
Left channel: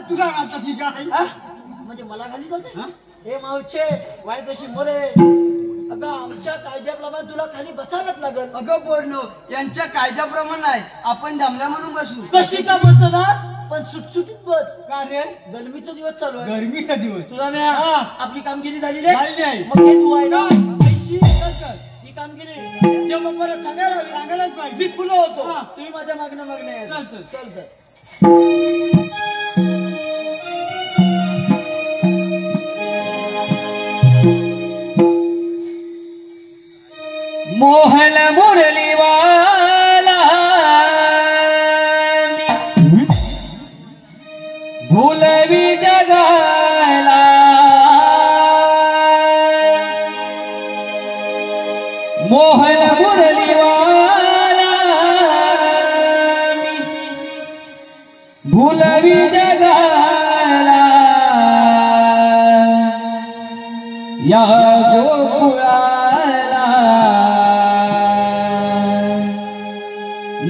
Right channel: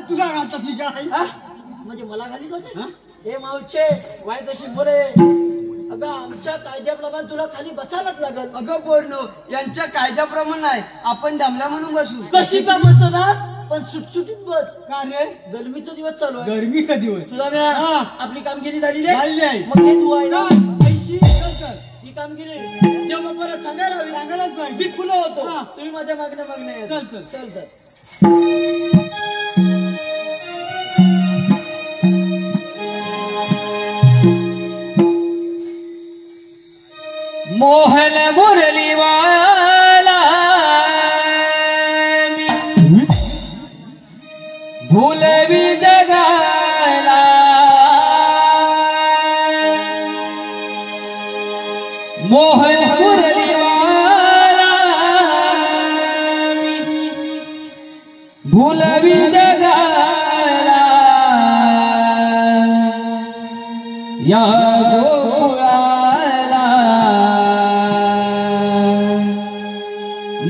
तुला घालतात ही काय म्हणजे मला घाली नव्हते हे मावचे वाईट अशी मोरे अगं आमच्या कायद्याप्रमाणे तुला खाली बसायलाच लागल. अगं पोरनो यांच्या कायद्याप्रमाणे आहे आपण दमला म्हणून बसू. कशी का बसणार पण सुटसुटीत बस. का रे गरमीचा दिवस चालू आहे. गरमी का दिवस तुला वेळ आपली कामगिरी झालेली झालेली आहे. मग हे तू आहे पैशी ही कामगिरी देव बाप्पाला सांगायला हवी. सांगायलाच पाहिजे. मी फुलं होतो हा. तुम्ही माझ्या मागण्या मागण्या चल. मोहन मुरलीवाला भूलवी जगाला मोहन मुरलीवाला भूलवी जगाला या गोकुळाला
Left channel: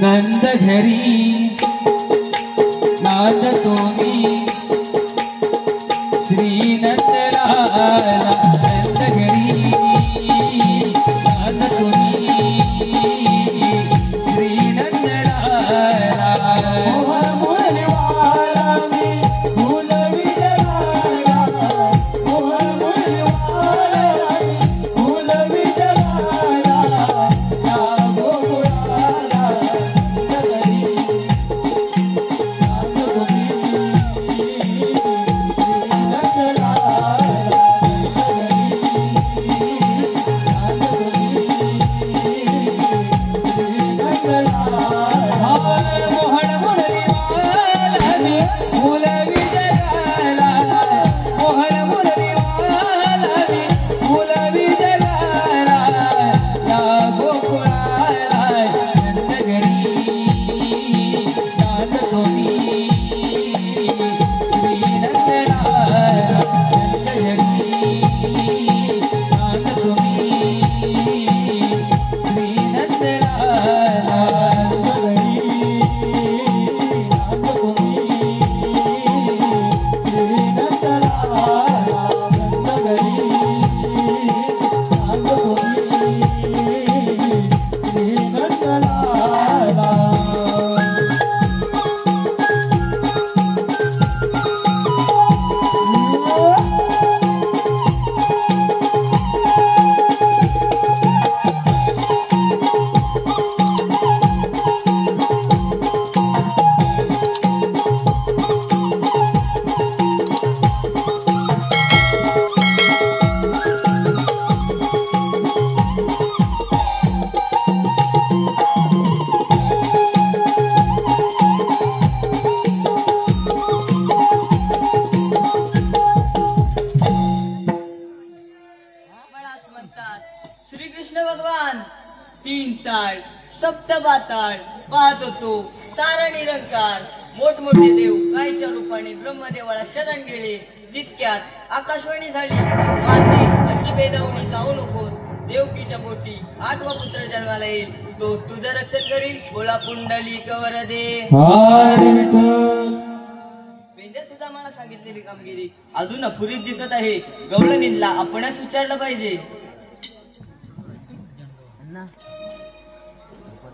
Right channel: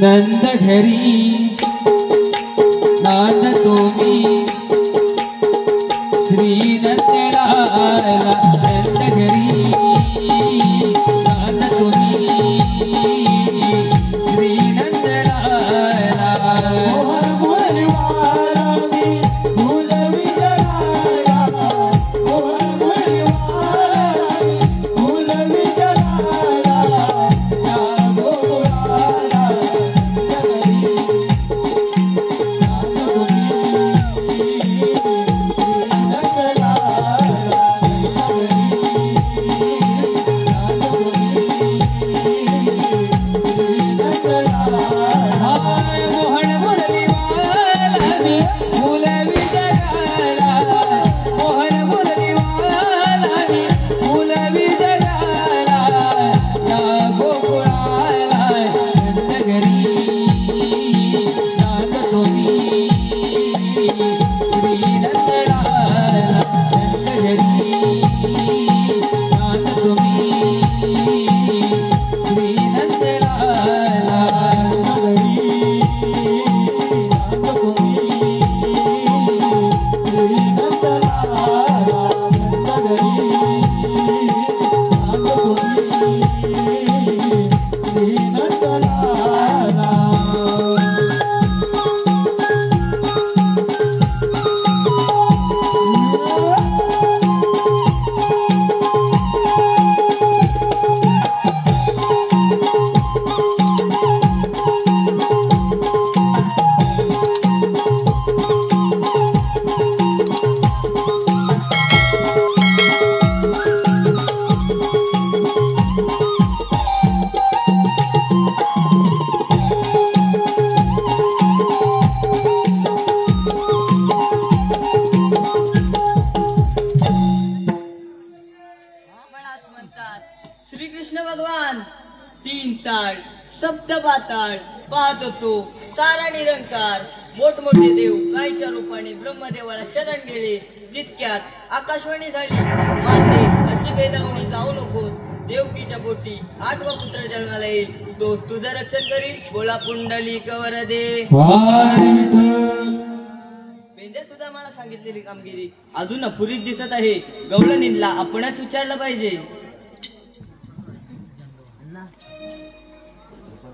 नंद घरी नांद तुम्ही श्री नंदलाला नंद घरी नांद तुम्ही श्री नंदलाला तीन ताळ सप्त पाताळ पाहत होतो तारा निरंकार मोठमोठे देव गायच्या रूपाने ब्रह्मदेवाला शरण गेले. जितक्यात आकाशवाणी झाली माते अशी भेदावणी जाऊ नकोस. देवकीच्या पोटी 8वा पुत्र जन्माला येईल तो तुझं रक्षण करील. बोला पुंडली कवर दे. पेंडे सुद्धा मला सांगितलेली कामगिरी अजून अपुरीच दिसत आहे. गवळणीला आपणच विचारलं पाहिजे.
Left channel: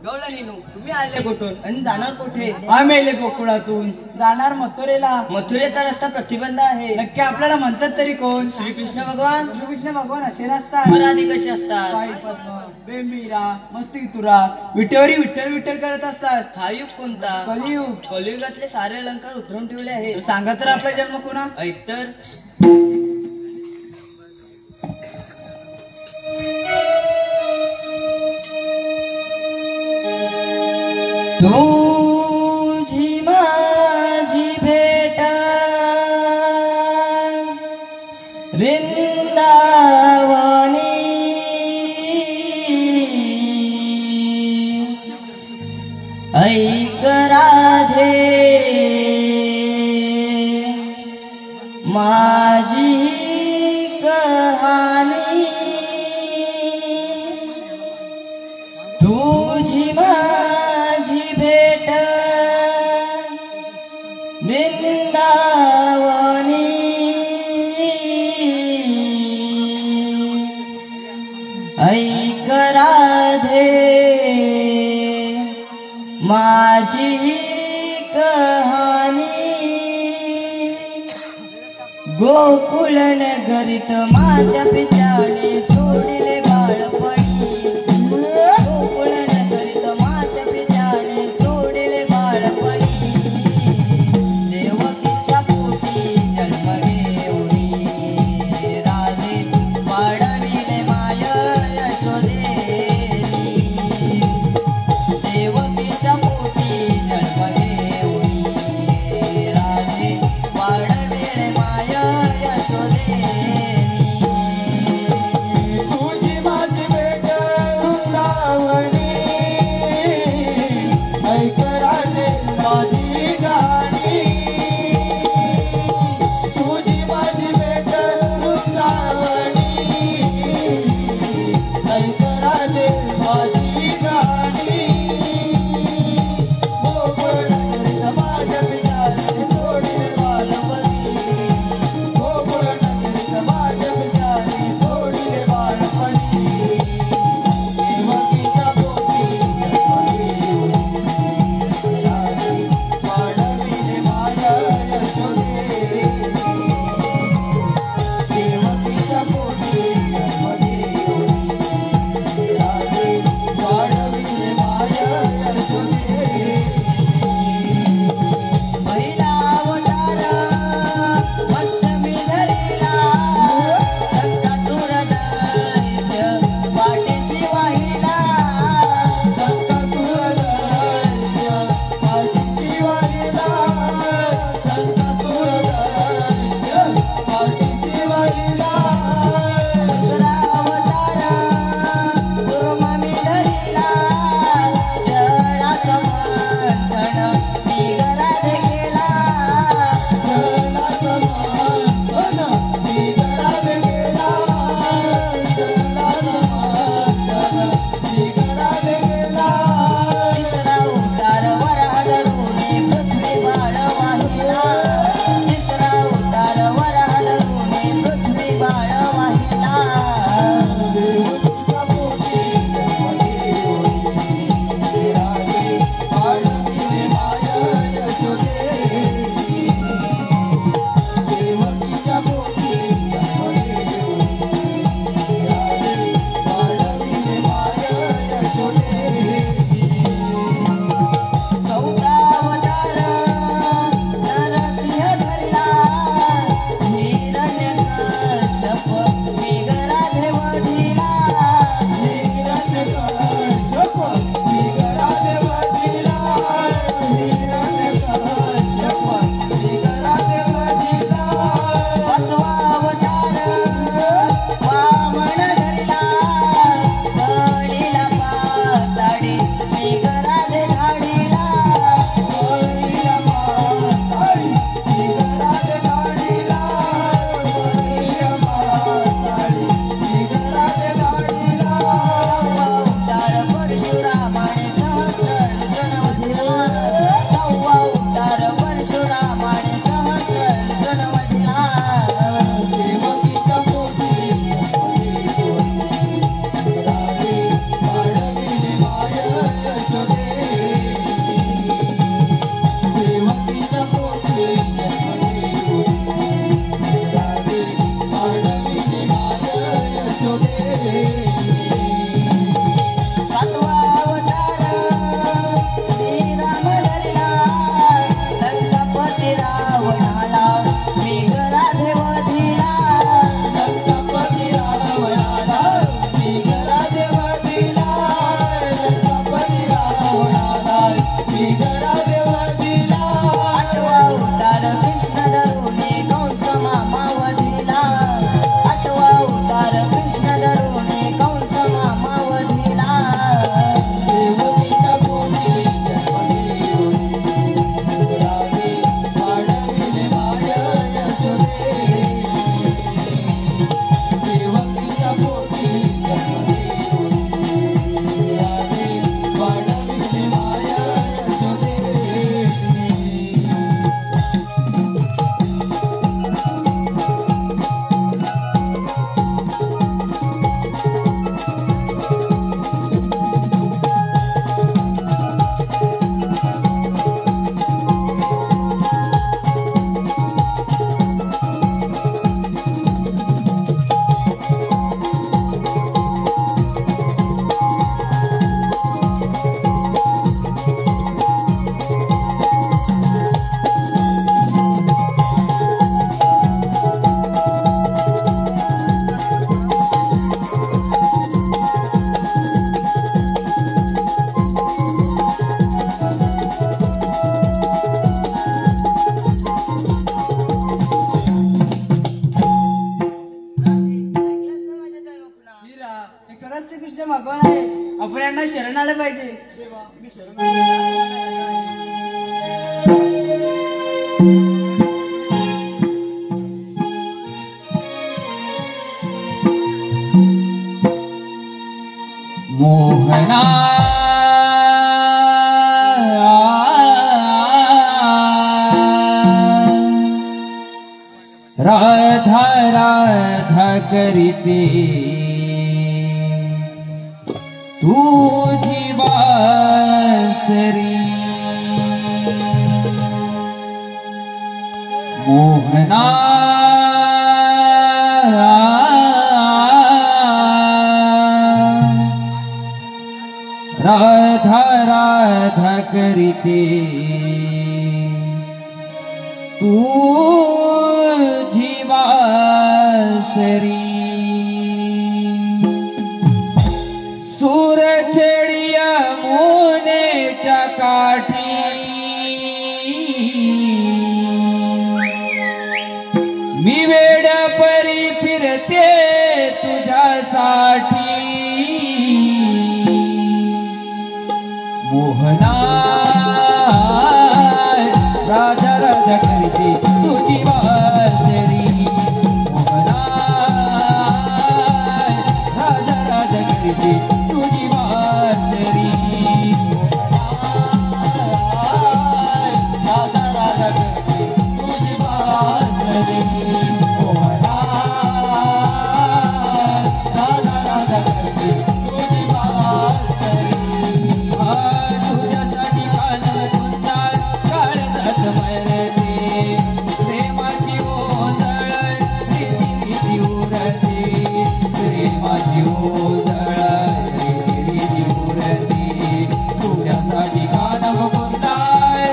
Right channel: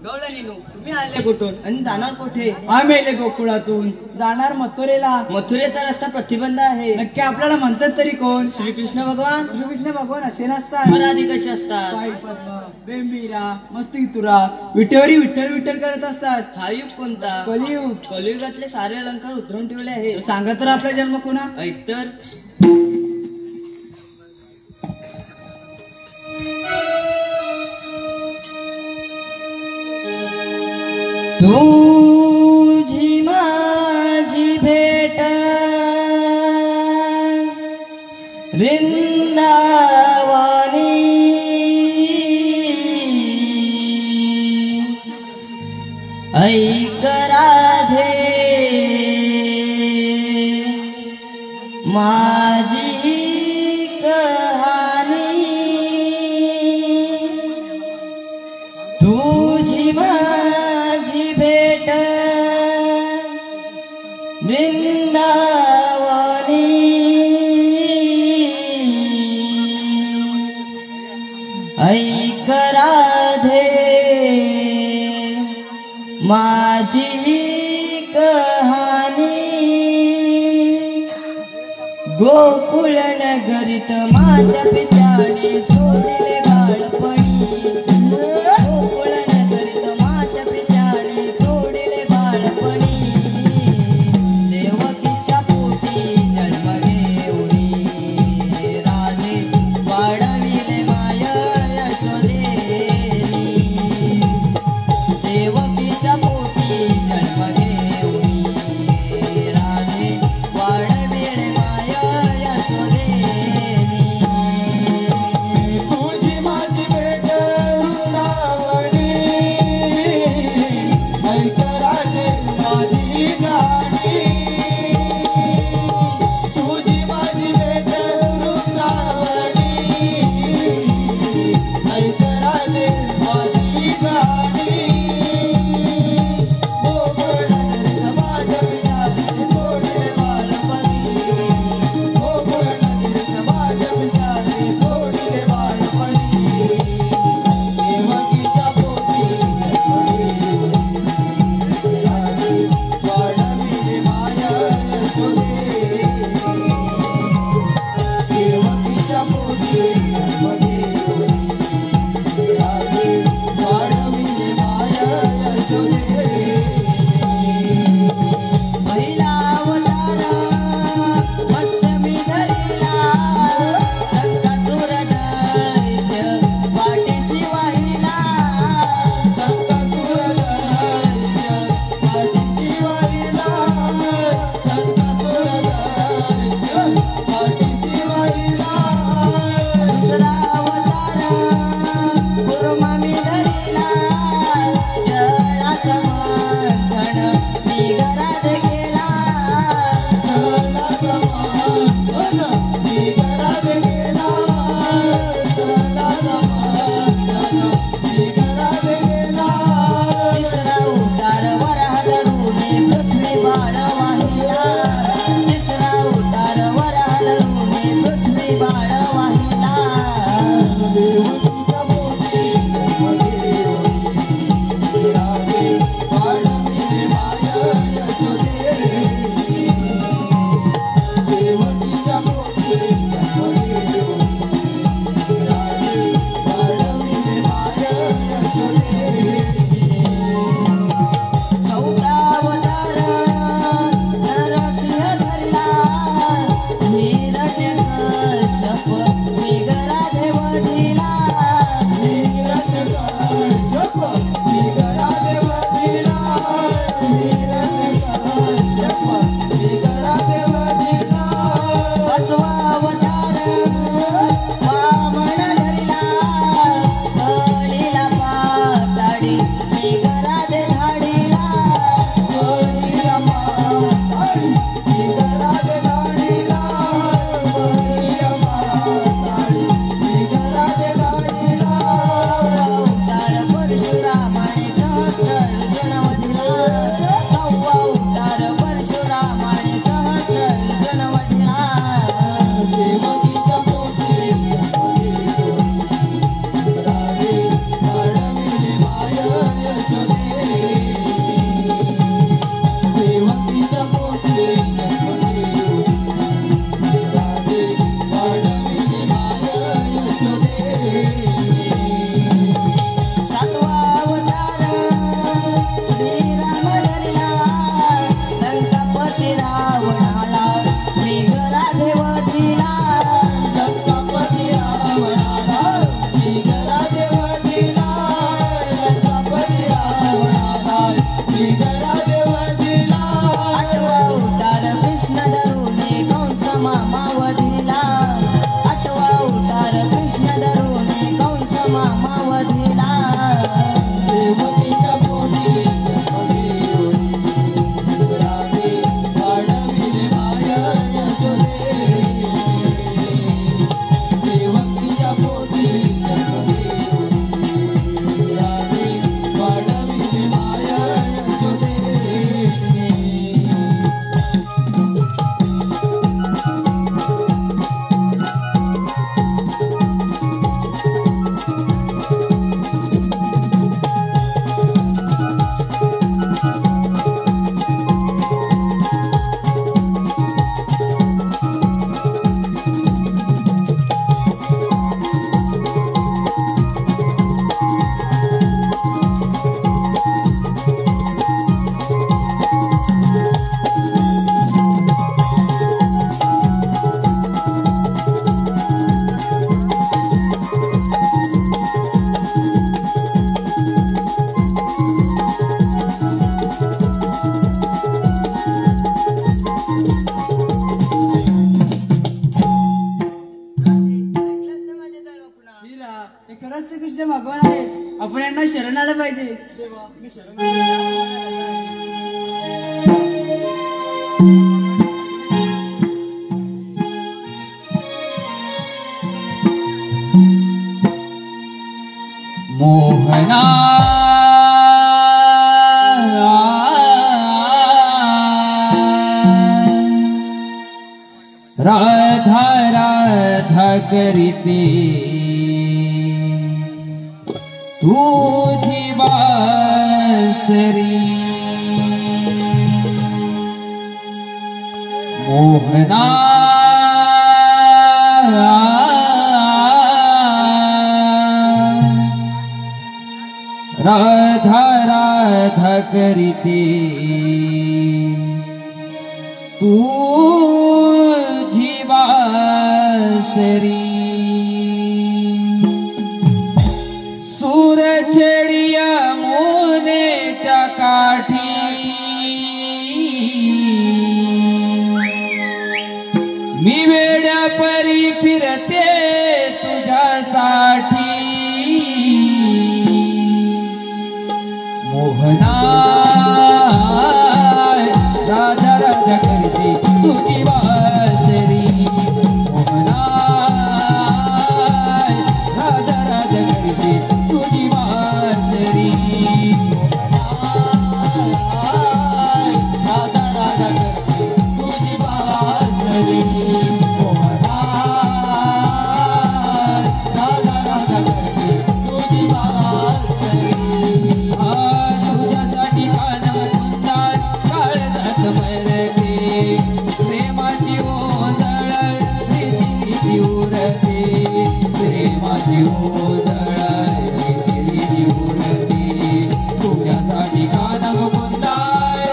गवळणीनू तुम्ही आले कुठून आणि जाणार कुठे? आम्ही आले गोकुळातून जाणार मथुरेला. मथुरेचा रस्ता प्रतिबंध आहे. नक्की आपल्याला म्हणतात तरी कोण? श्रीकृष्ण भगवान. श्रीकृष्ण भगवान असे नसतात. मनाने कसे असतात? पाय पद्म बेंबीरा मस्ती तुरा विटेवरी विठ्ठल विठ्ठल करत असतात. हा युग कोणता? कलियुग. कलियुगातले सारे अलंकार उतरून ठेवले आहे. तो सांगा तर आपला जन्म कोणा? ऐतर तुझी माझी भेट वृंदावनी ऐक राधे माझी कहाणी. तुझी माझी भेट वृंदावनी ऐक राधे माझी कहाणी. गोकुळ नगरीत माझ्या पित्याने सोडले बाळपणी. गोकुळ नगरीत माझ्या पित्याने सोडले बाळपणी. देवकीच्या पोटी जन्म घेऊनी राधे वाढविले माया यशोदेवी. देवकीच्या पोटी जन्म घेऊनी राधे वाढविले माया यशोदेवी. सगळ्यांना शरण आलं पाहिजे. देवा मी शरण आलो. मोहना राधा राधा करीते तुझी बासरी मोहना राधा राधा करीते तुझी बासरी सूर छेडिया मोनेच्या काठी मी वेड परी फिरते तुझ्यासाठी मोहना राधा राधा करते तुझी बासरी मोहना राधा राधा करते तुझी बासरी राधा राधा करते तुझी बासरी मोहना राधा राधा करते तुझी बासरी तुझ्यासाठी कानव सुंदर काळजात मरते प्रेमाची ओझळ प्रीती उरते प्रेमाची ओझळ प्रीती उरते तुझ्यासाठी कानव सुंदर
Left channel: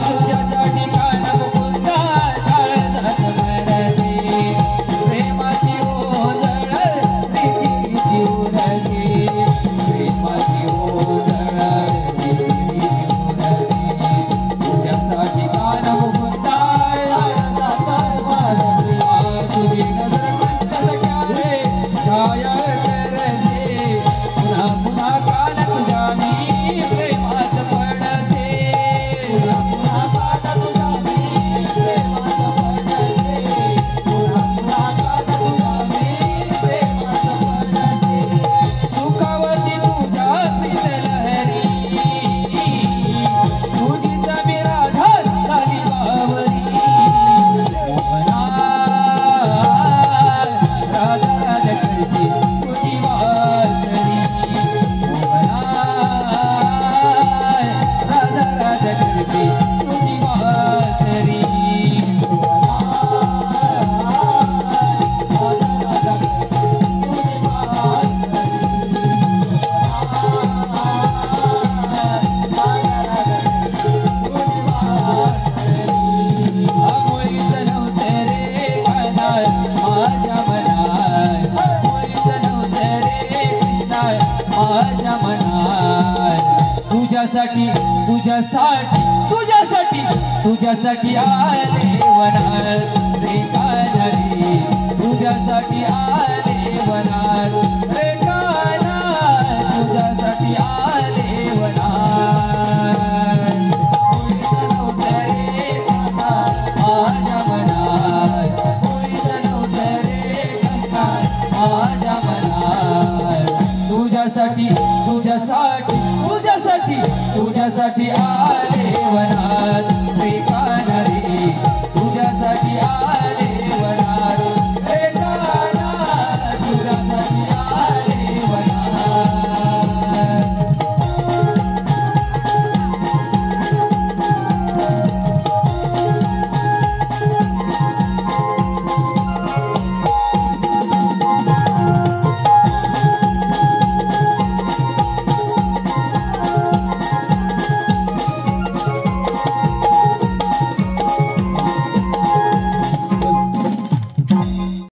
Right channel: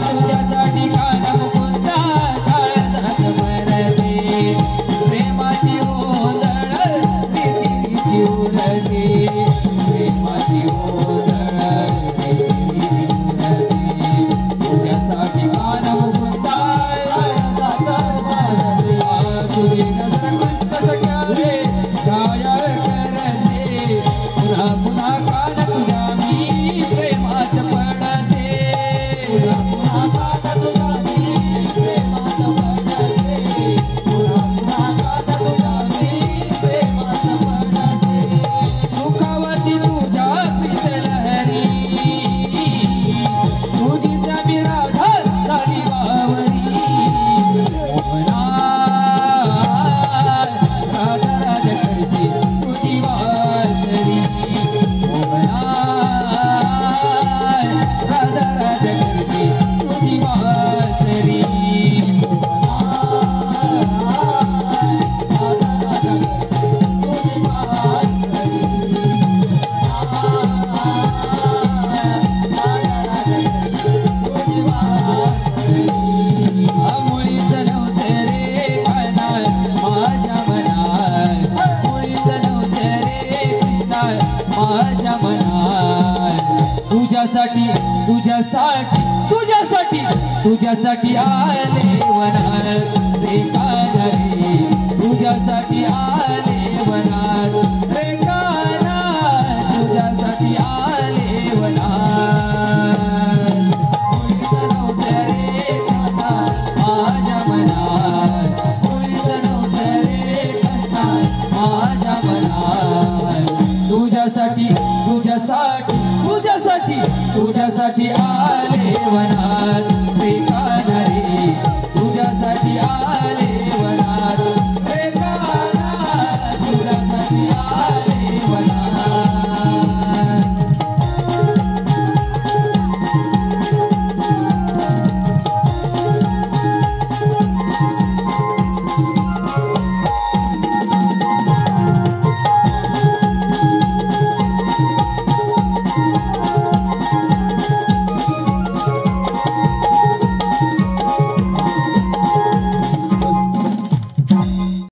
तुझ्यासाठी कानव सुंदर काळजात मरते प्रेमाची ओझळ प्रीती उरते प्रेमाची ओझळ प्रीती उरते तुझ्यासाठी कानव सुंदर तुझी